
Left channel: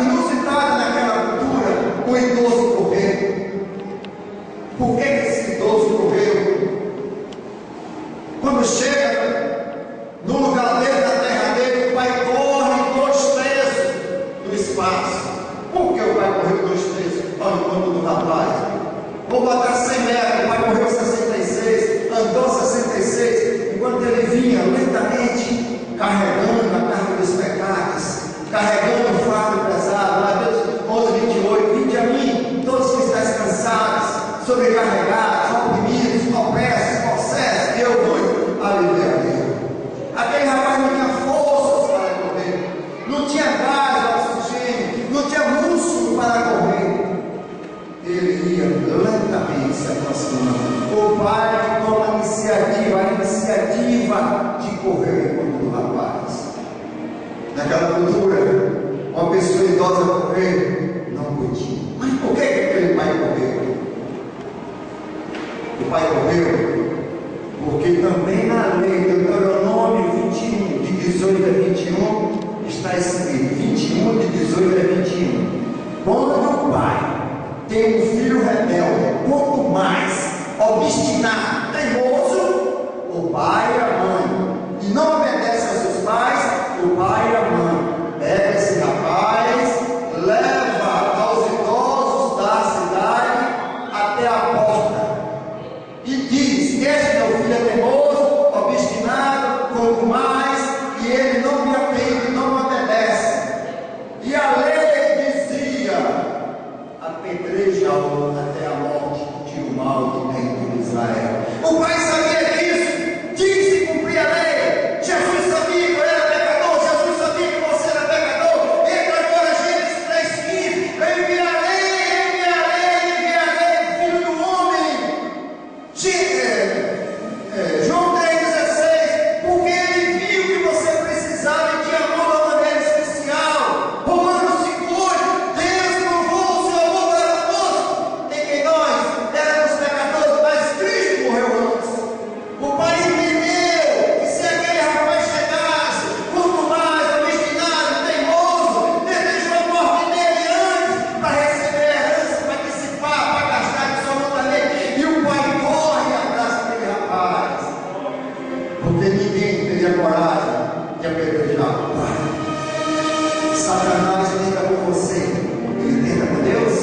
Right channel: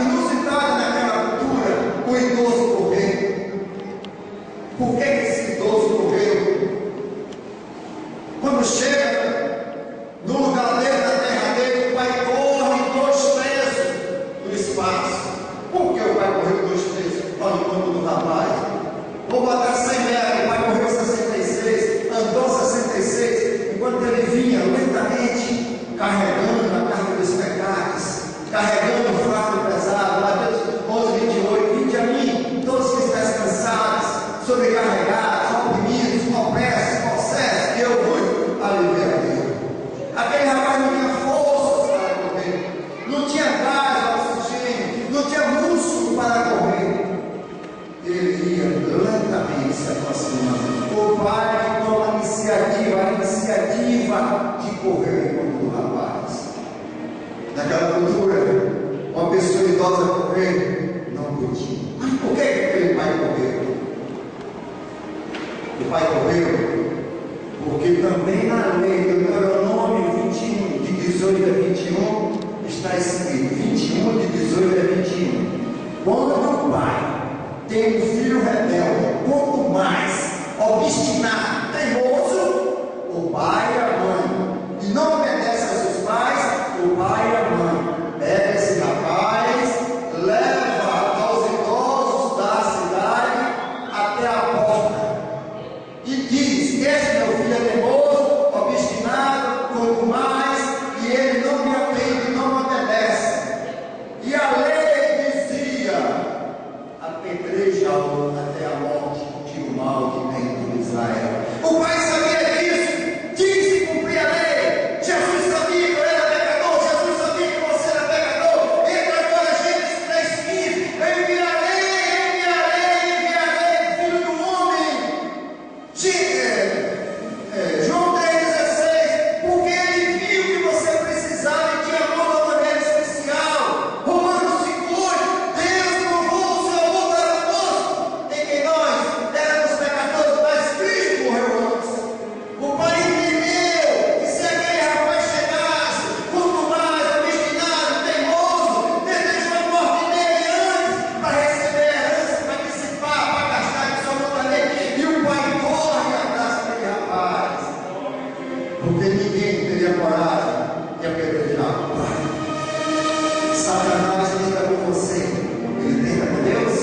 inusitada naquela cultura, o idoso correr. Por que esse idoso correu? Quando chega no lugar dele, na terra dele, o pai corre 2/3 do espaço. Por que o pai correu 2/3? Olha o quanto do rapaz. Vou botar 100 metros, o pai correu 66, andou 66, enquanto ele vinha lentamente, carregando a carga dos pecados, carregando o fardo pesado. Mateus 11:28, vinde a mim, todos que estáis cansados, sobrecarregados, oprimidos, opressos, possessos, que eu vos aliviarei. Aquele rapaz não tinha forças para correr, não tinha gás, oxigênio, não tinha músculo para correr. Ele ia lentamente se aproximando. O pai toma a iniciativa de correr enquanto o rapaz. Naquela cultura, uma pessoa idosa correr não podia. Mas por que aquele pai correu? O pai correu porque também na lei do Deuteronômio 21, de 18 a 21, está escrito, 21 de 18 a 21. Quando o pai tem um filho rebelde, quanto mais obstinado, teimoso, o pai e a mãe, e não obedece a seus pais, o pai e a mãe, pega esse rapaz, leva aos idosos da cidade até a porta e diz: esse meu filho é teimoso, obstinado, quanto mais, e ele não me atende, não me obedece. E a lei dizia: apedreja-o até a morte, tira o mal de dentro de Israel. O pai sabia disso, tinha que cumprir a lei. Jesus sabia que eu era pecador, Jesus sabia que você era pecador. Entra agora, Gênesis 3:15. Enviarei o Filho do Homem. João 3,16. Porque ele viu que você precisava e te amou de uma maneira especial. Romanos 5:8. Deus provou o seu amor para conosco, em que nós éramos pecadores, mas Cristo morreu antes. O pai entendeu que se aquele rapaz chegasse, quanto mais obstinado, teimoso, desejou a morte dele antes, para receber a herança, para antecipar, para gastar absolutamente. E o pai corre atrás daquele rapaz, porque ninguém teria coragem de apedrejar o pai. Satanás tenta com você, ele tenta com Deus.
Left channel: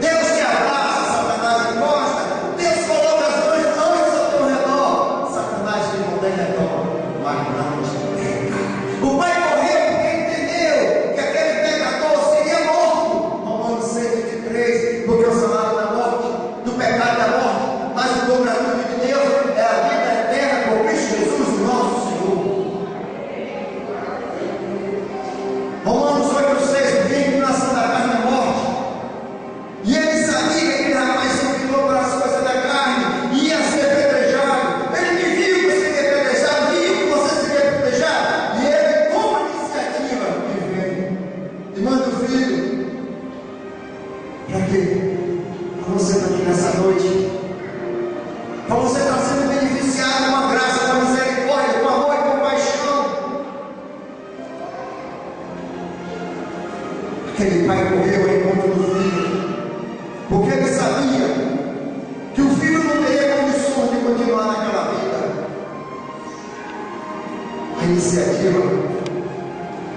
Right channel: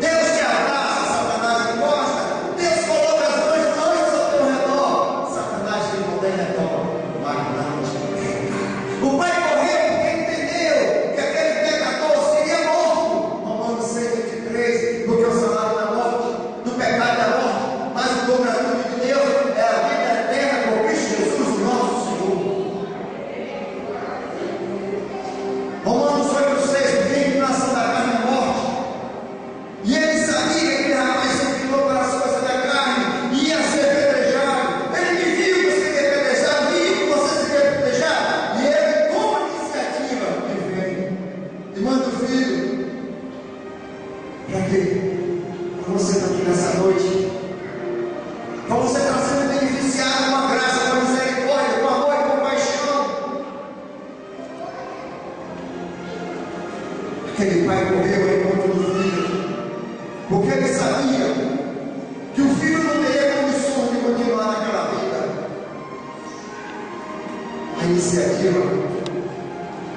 Deus te abraça, Satanás te gosta. Deus coloca as duas mãos ao teu redor. Satanás te mantém redor, mas não te pega. O pai correu porque entendeu que aquele pecador seria morto. Romanos 6:23, porque o salário da morte, do pecado da morte, mas o dom gratuito de Deus é a vida eterna por Cristo Jesus, nosso Senhor. Romanos 8:6, vem nação da carne e morte. E ele sabia que aquele rapaz se inclinou para as coisas da carne, ia ser apedrejado. Ele me viu que seria apedrejado, viu que você seria apedrejado. E ele toma a iniciativa e vem e manda o filho. Para quê? Para você estar aqui nessa noite, para você estar sendo beneficiado com a graça, com a misericórdia, com amor e compaixão. Aquele pai correu ao encontro do filho, porque ele sabia que o filho não teria condições de continuar naquela vida. iniciativa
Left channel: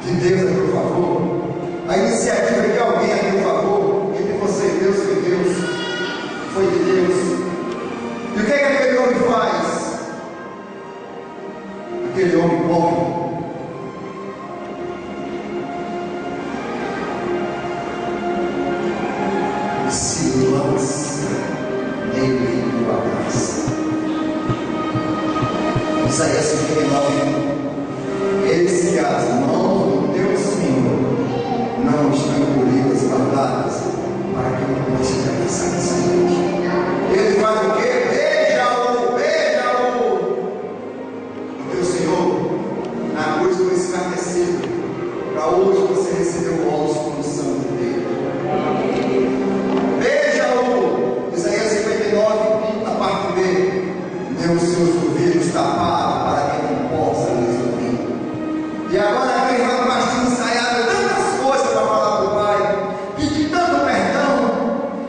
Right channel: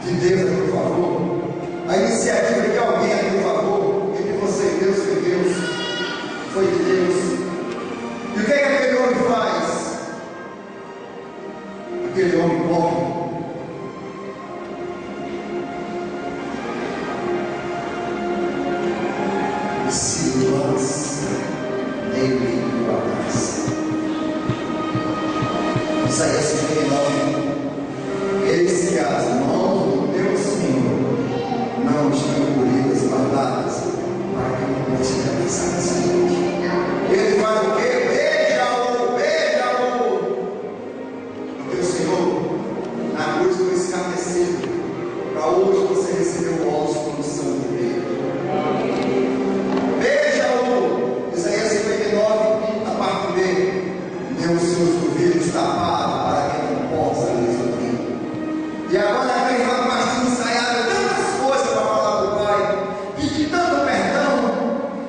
de Deus a meu favor, a iniciativa de alguém a meu favor, entre você e Deus foi Deus, foi de Deus. E o que é que aquele homem faz? Aquele homem morre. Se lança nele e o abraça. Isaías 59. Eis que as mãos do teu Senhor não estão encolhidas, guardadas, para que não possa atravessar essa noite. Ele faz o quê? Beija-o, beija-o. O teu Senhor, na cruz foi escarnecido, para hoje você receber o alto como santo dele. Beija-o. Isaías 59, a parte B. Deu os seus ouvidos tapados para que não possa lhes ouvir. E agora aquele rapaz tinha ensaiado tantas coisas para falar para o pai, pedir tanto perdão.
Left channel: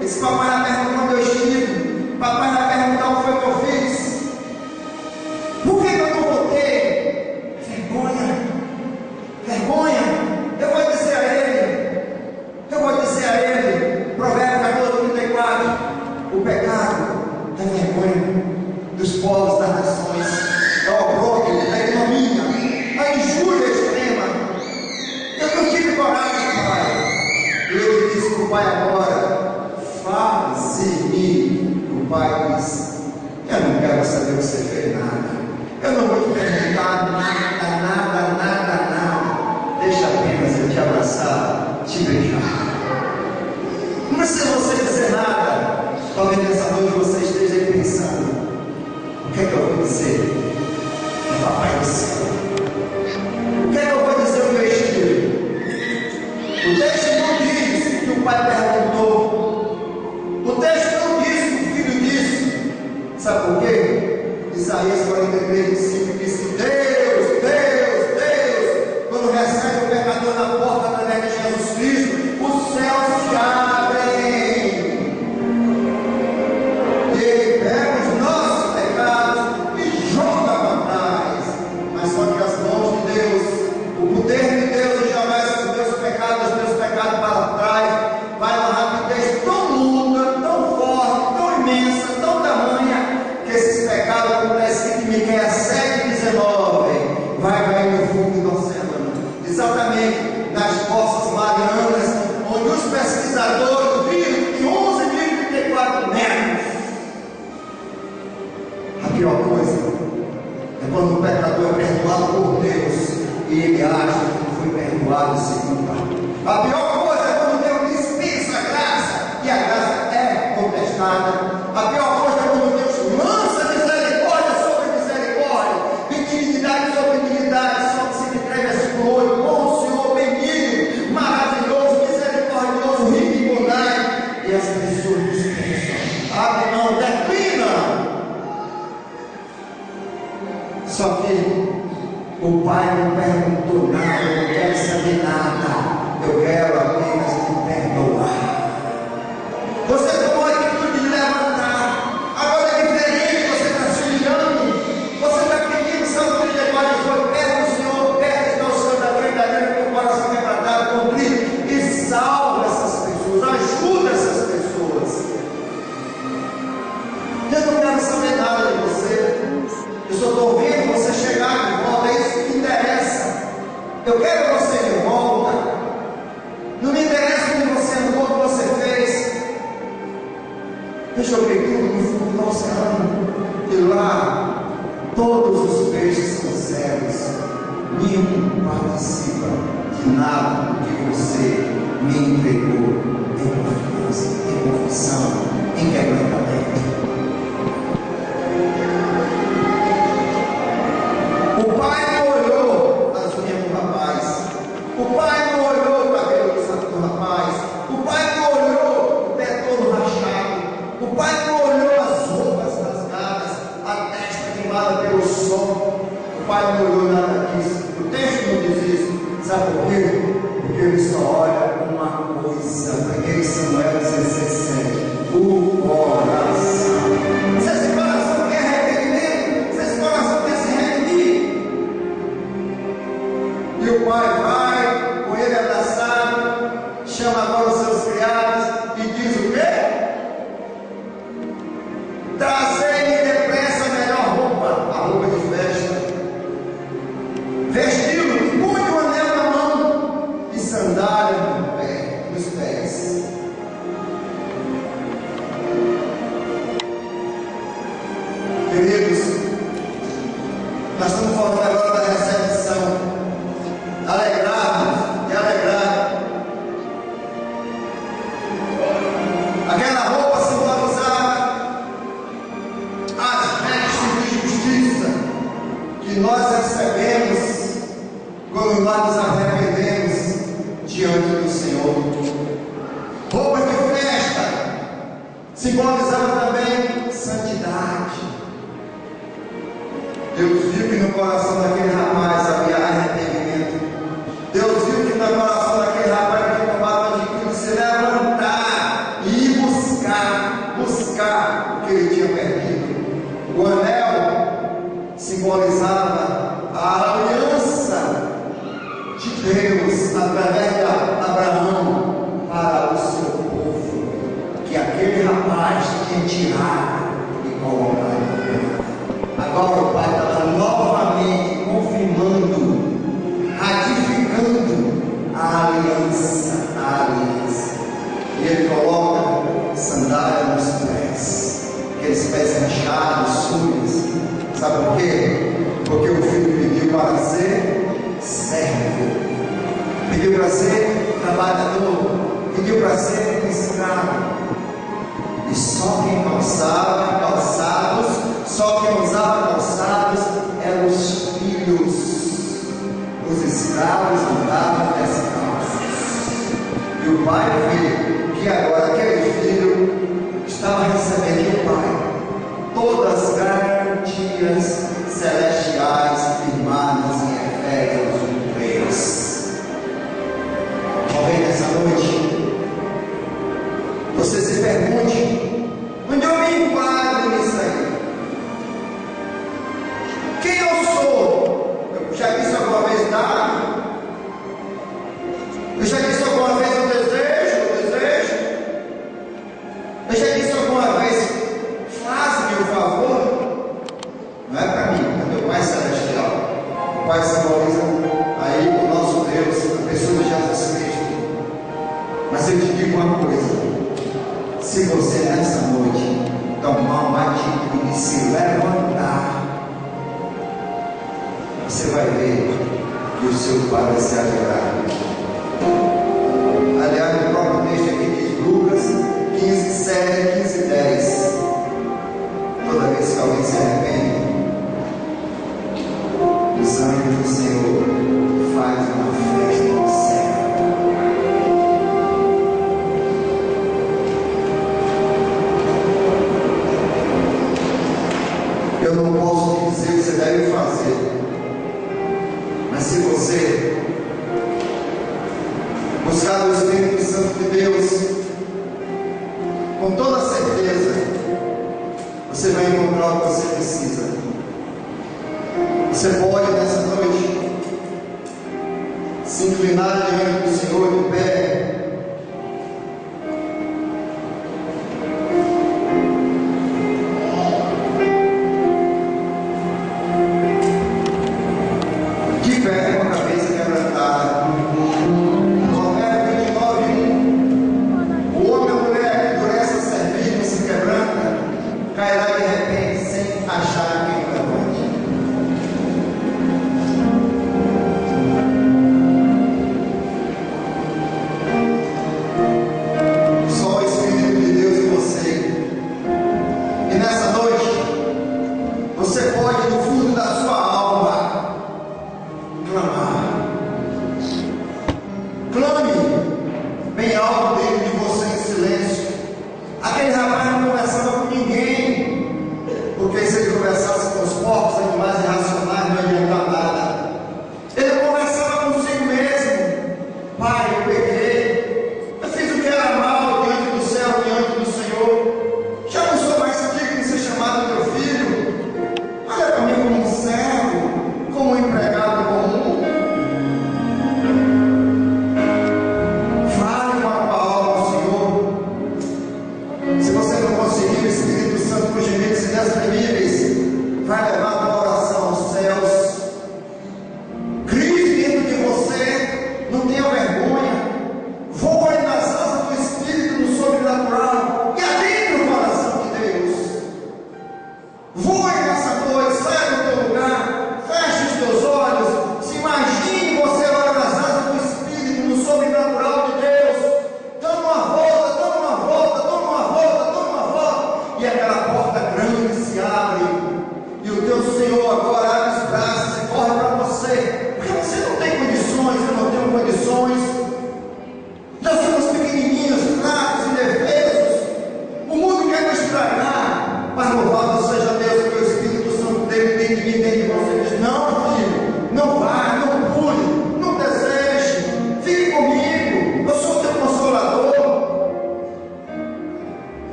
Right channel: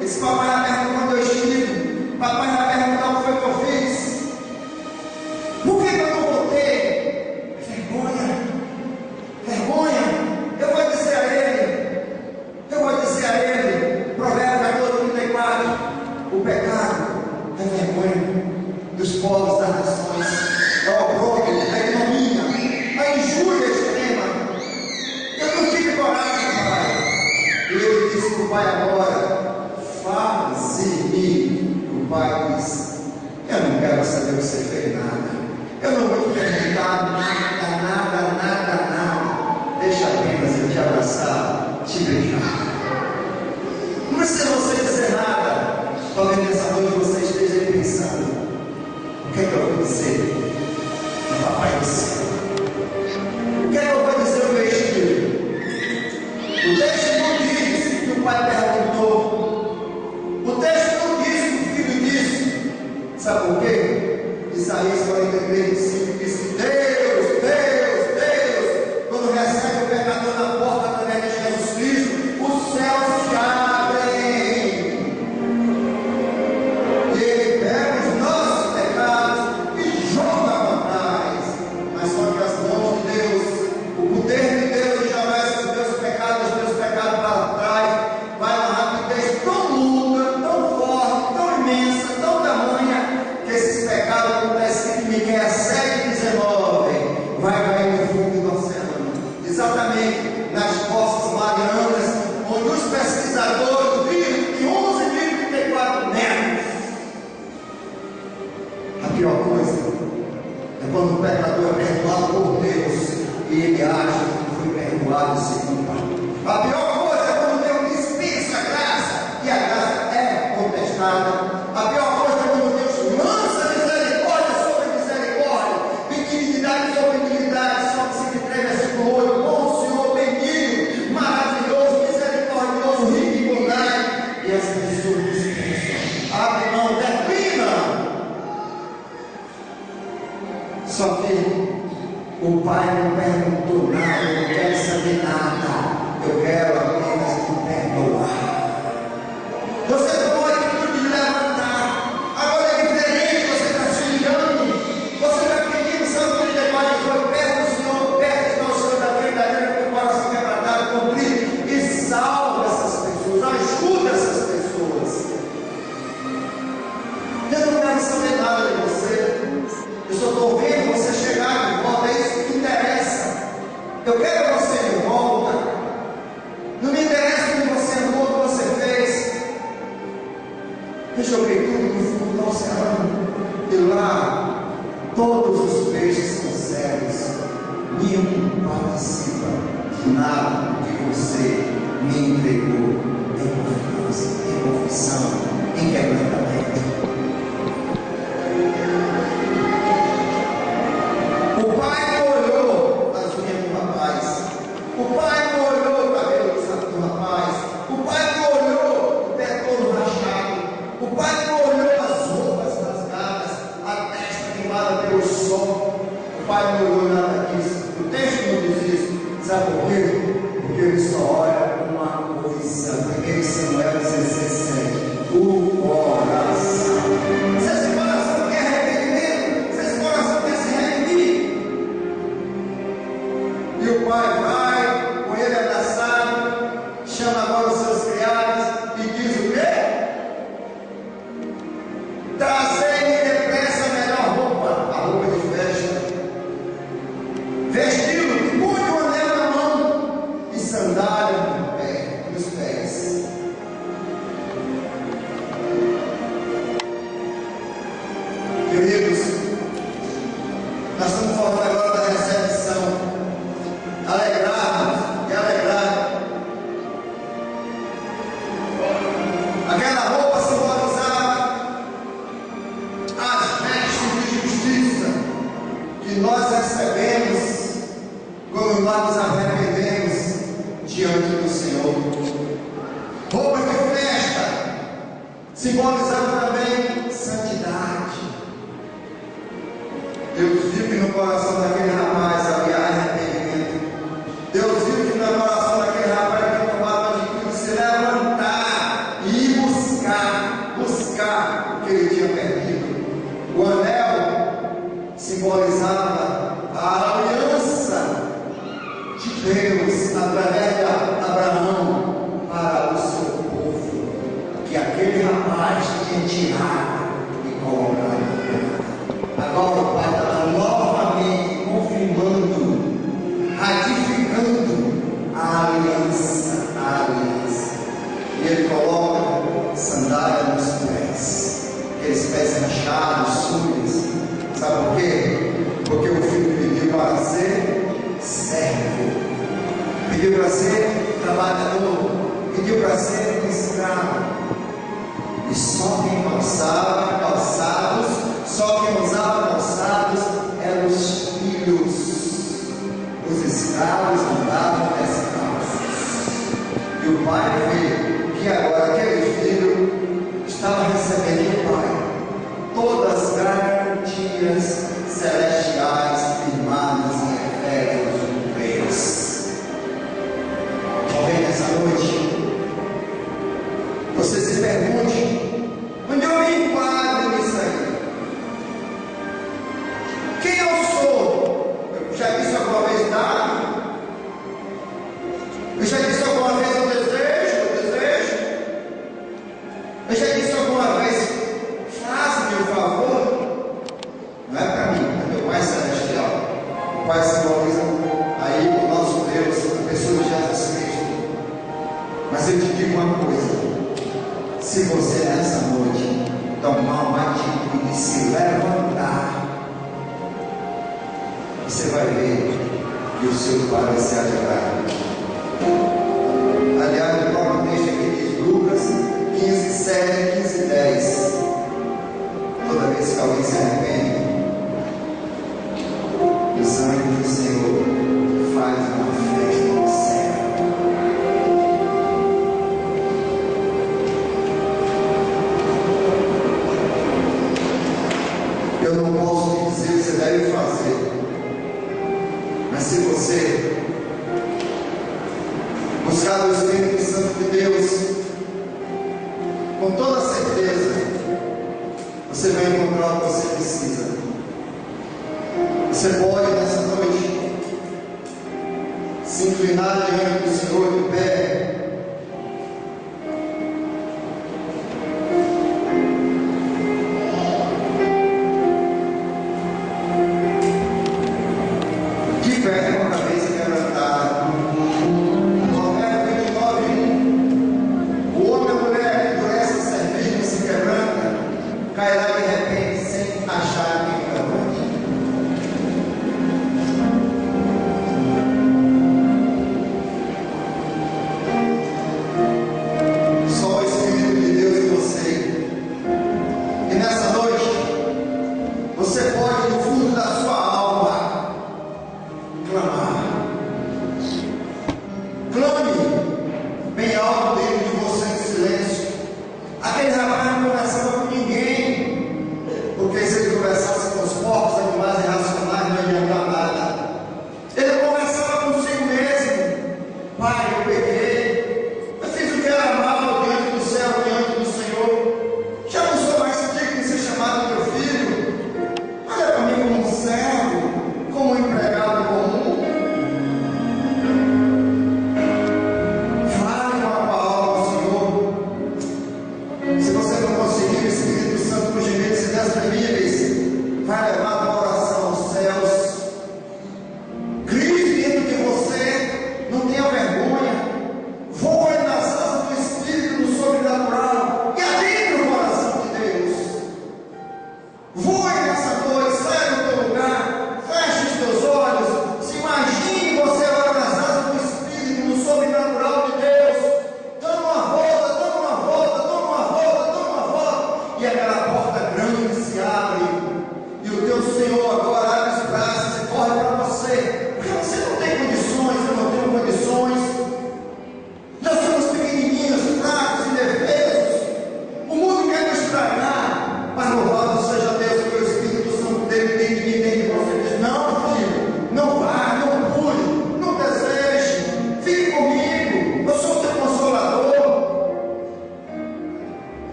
Esse papai vai perguntar onde eu estive, papai vai perguntar o que foi que eu fiz. Por que eu não voltei? Vergonha, vergonha. Eu vou dizer a ele, Provérbios 14:34, o pecado é vergonha dos povos, das nações, é o opróbrio, a ignomínia, a injúria extrema. Eu não tive coragem, pai. E ele disse para o pai agora: faze-me. O pai disse: eu não quero saber o que você fez, nada. Eu não vou te perguntar nada. Deixa apenas eu te abraçar, te beijar. Não precisa você dizer nada. Talvez nessa noite você esteja aí pensando: o que é que eu vou dizer ao papai do céu? O que é que eu vou dizer ao meu espírito? O texto não diz que o pai perguntou. O texto não diz que o filho disse. Sabe por quê? Isaías 43:5 diz que Deus, quando recebe o pecador na porta através de Jesus Cristo, os céus se abrem. E ele pega os nossos pecados e joga para trás. Mas só que as mãos de Deus, o poder de Deus jogar os teus pecados para trás, vai uma rapidez tão longa, tão forte, tão imensa, tão tamanha, que esses pecados, como está escrito em Miqueias 7:19, vai cair no fundo do oceano, exatamente nas fossas marianas, onde os pesquisadores viram que 11.034 metros. A pior coisa é quando o pecador é perdoado por Deus e ele acha que foi perdoado e se culpa. A pior coisa é quando Deus dispensa a graça e a graça é contestada. A pior coisa é quando Deus lança misericórdia sobre misericórdia, benignidade sobre benignidade. Só que se entrega versículo 8: bom Senhor, benigno, maravilhoso, misericordioso, rico em bondade. E as pessoas dispensam, abrem mão, declinam. Só que o pai não perguntou nada, eu não quero saber nada, eu quero apenas te perdoar. Você tomou a atitude de levantar, agora é diferente, você está se humilhando, você está pedindo Salmo 34, foi perto do Senhor, perto está o Senhor da frente da gente, com o coração quebrantado, contrito, e salva essas pessoas, ajuda essas pessoas. Eu não quero saber nada de você. Eu só estou vendo você chegar de volta, é isso que me interessa. Eu quero você de volta. Não me interessa onde você andou, o que você fez. Eu joguei tudo no fundo do oceano. E lá, todos os peixes são cegos. Nenhum participa de nada do que você me entregou em confiança, em confissão, em quebrantamento. O pai não olhou as unhas do rapaz, o pai não olhou o cabelo do rapaz, o pai não olhou o pé todo rachado, o pai não olhou as roupas rasgadas, a testa queimada pelo sol, o pai não olhou nada disso. O texto não diz isso. Sabe por quê? Porque ele só olha uma coisa. 1 Samuel 16:7, o coração. Se esse coração quer arrependimento, se esse coração quer se redimir, o pai vai, com ele abraçado, chama agora os seus criados e diz o quê? Trazei-me depressa a melhor roupa, a roupa de festa, vestido, punho o anel na mão e sandália nos pés. Queridos, nós estamos falando agora da recepção, alegrarmos e alegrar. Aquela roupa simbolizava as vestes de justiça que nós recebemos quando nós nos arrependemos diante do Senhor. Roupa de festa simbolizava também santidade. Deus viu que no coração daquele rapaz havia arrependimento. Deus viu que no coração daquele rapaz havia tomado a atitude de se levantar e ir buscar o que ele tinha perdido. O anel simbolizava a aliança de Deus através de Abraão para o seu povo, que aquele rapaz tinha tirado e colocado. Agora o Pai está novamente confirmando, ratificando a aliança, e ele coloca sandália nos pés, aqueles pés rachados, sujos. Sabe por quê? Porque o filho pediu para ser servo, pediu para ser trabalhador, pediu para ser escravo. E só quem calçava calçados, só quem usava calçados eram os filhos. Os escravos andavam descalços. E o pai viu que agora aquele filho estava recebendo do pai todas as garantias celestiais firmadas em Efésios 3. Talvez nessa noite você se pergunte: onde eu me enquadro nisso aí? Quem eu sou? Eu já disse alguma vez nada? Eu já disse alguma vez o desejo? Eu já disse alguma vez: faz-me o favor? Não é para mim, é meu Pai Celestial. O Pai simboliza aí o nosso Deus, a pessoa de Jesus Cristo. Mas eu te digo uma coisa: se você nessa noite tomar uma atitude de se levantar, você vai ver que o seu Pai vai se alegrar. Aliás, o próprio texto aqui diz, Lucas 15, 7, 15, 10. Toda vez que alguém se arrepende, os anjos do Senhor fazem uma festa no céu. Eu não posso te dizer o que você deve fazer, mas se você buscar o Espírito Santo de Deus, com toda certeza, você vai encontrar o que você precisa. Você pode nessa noite se inclinar diante do Senhor de pé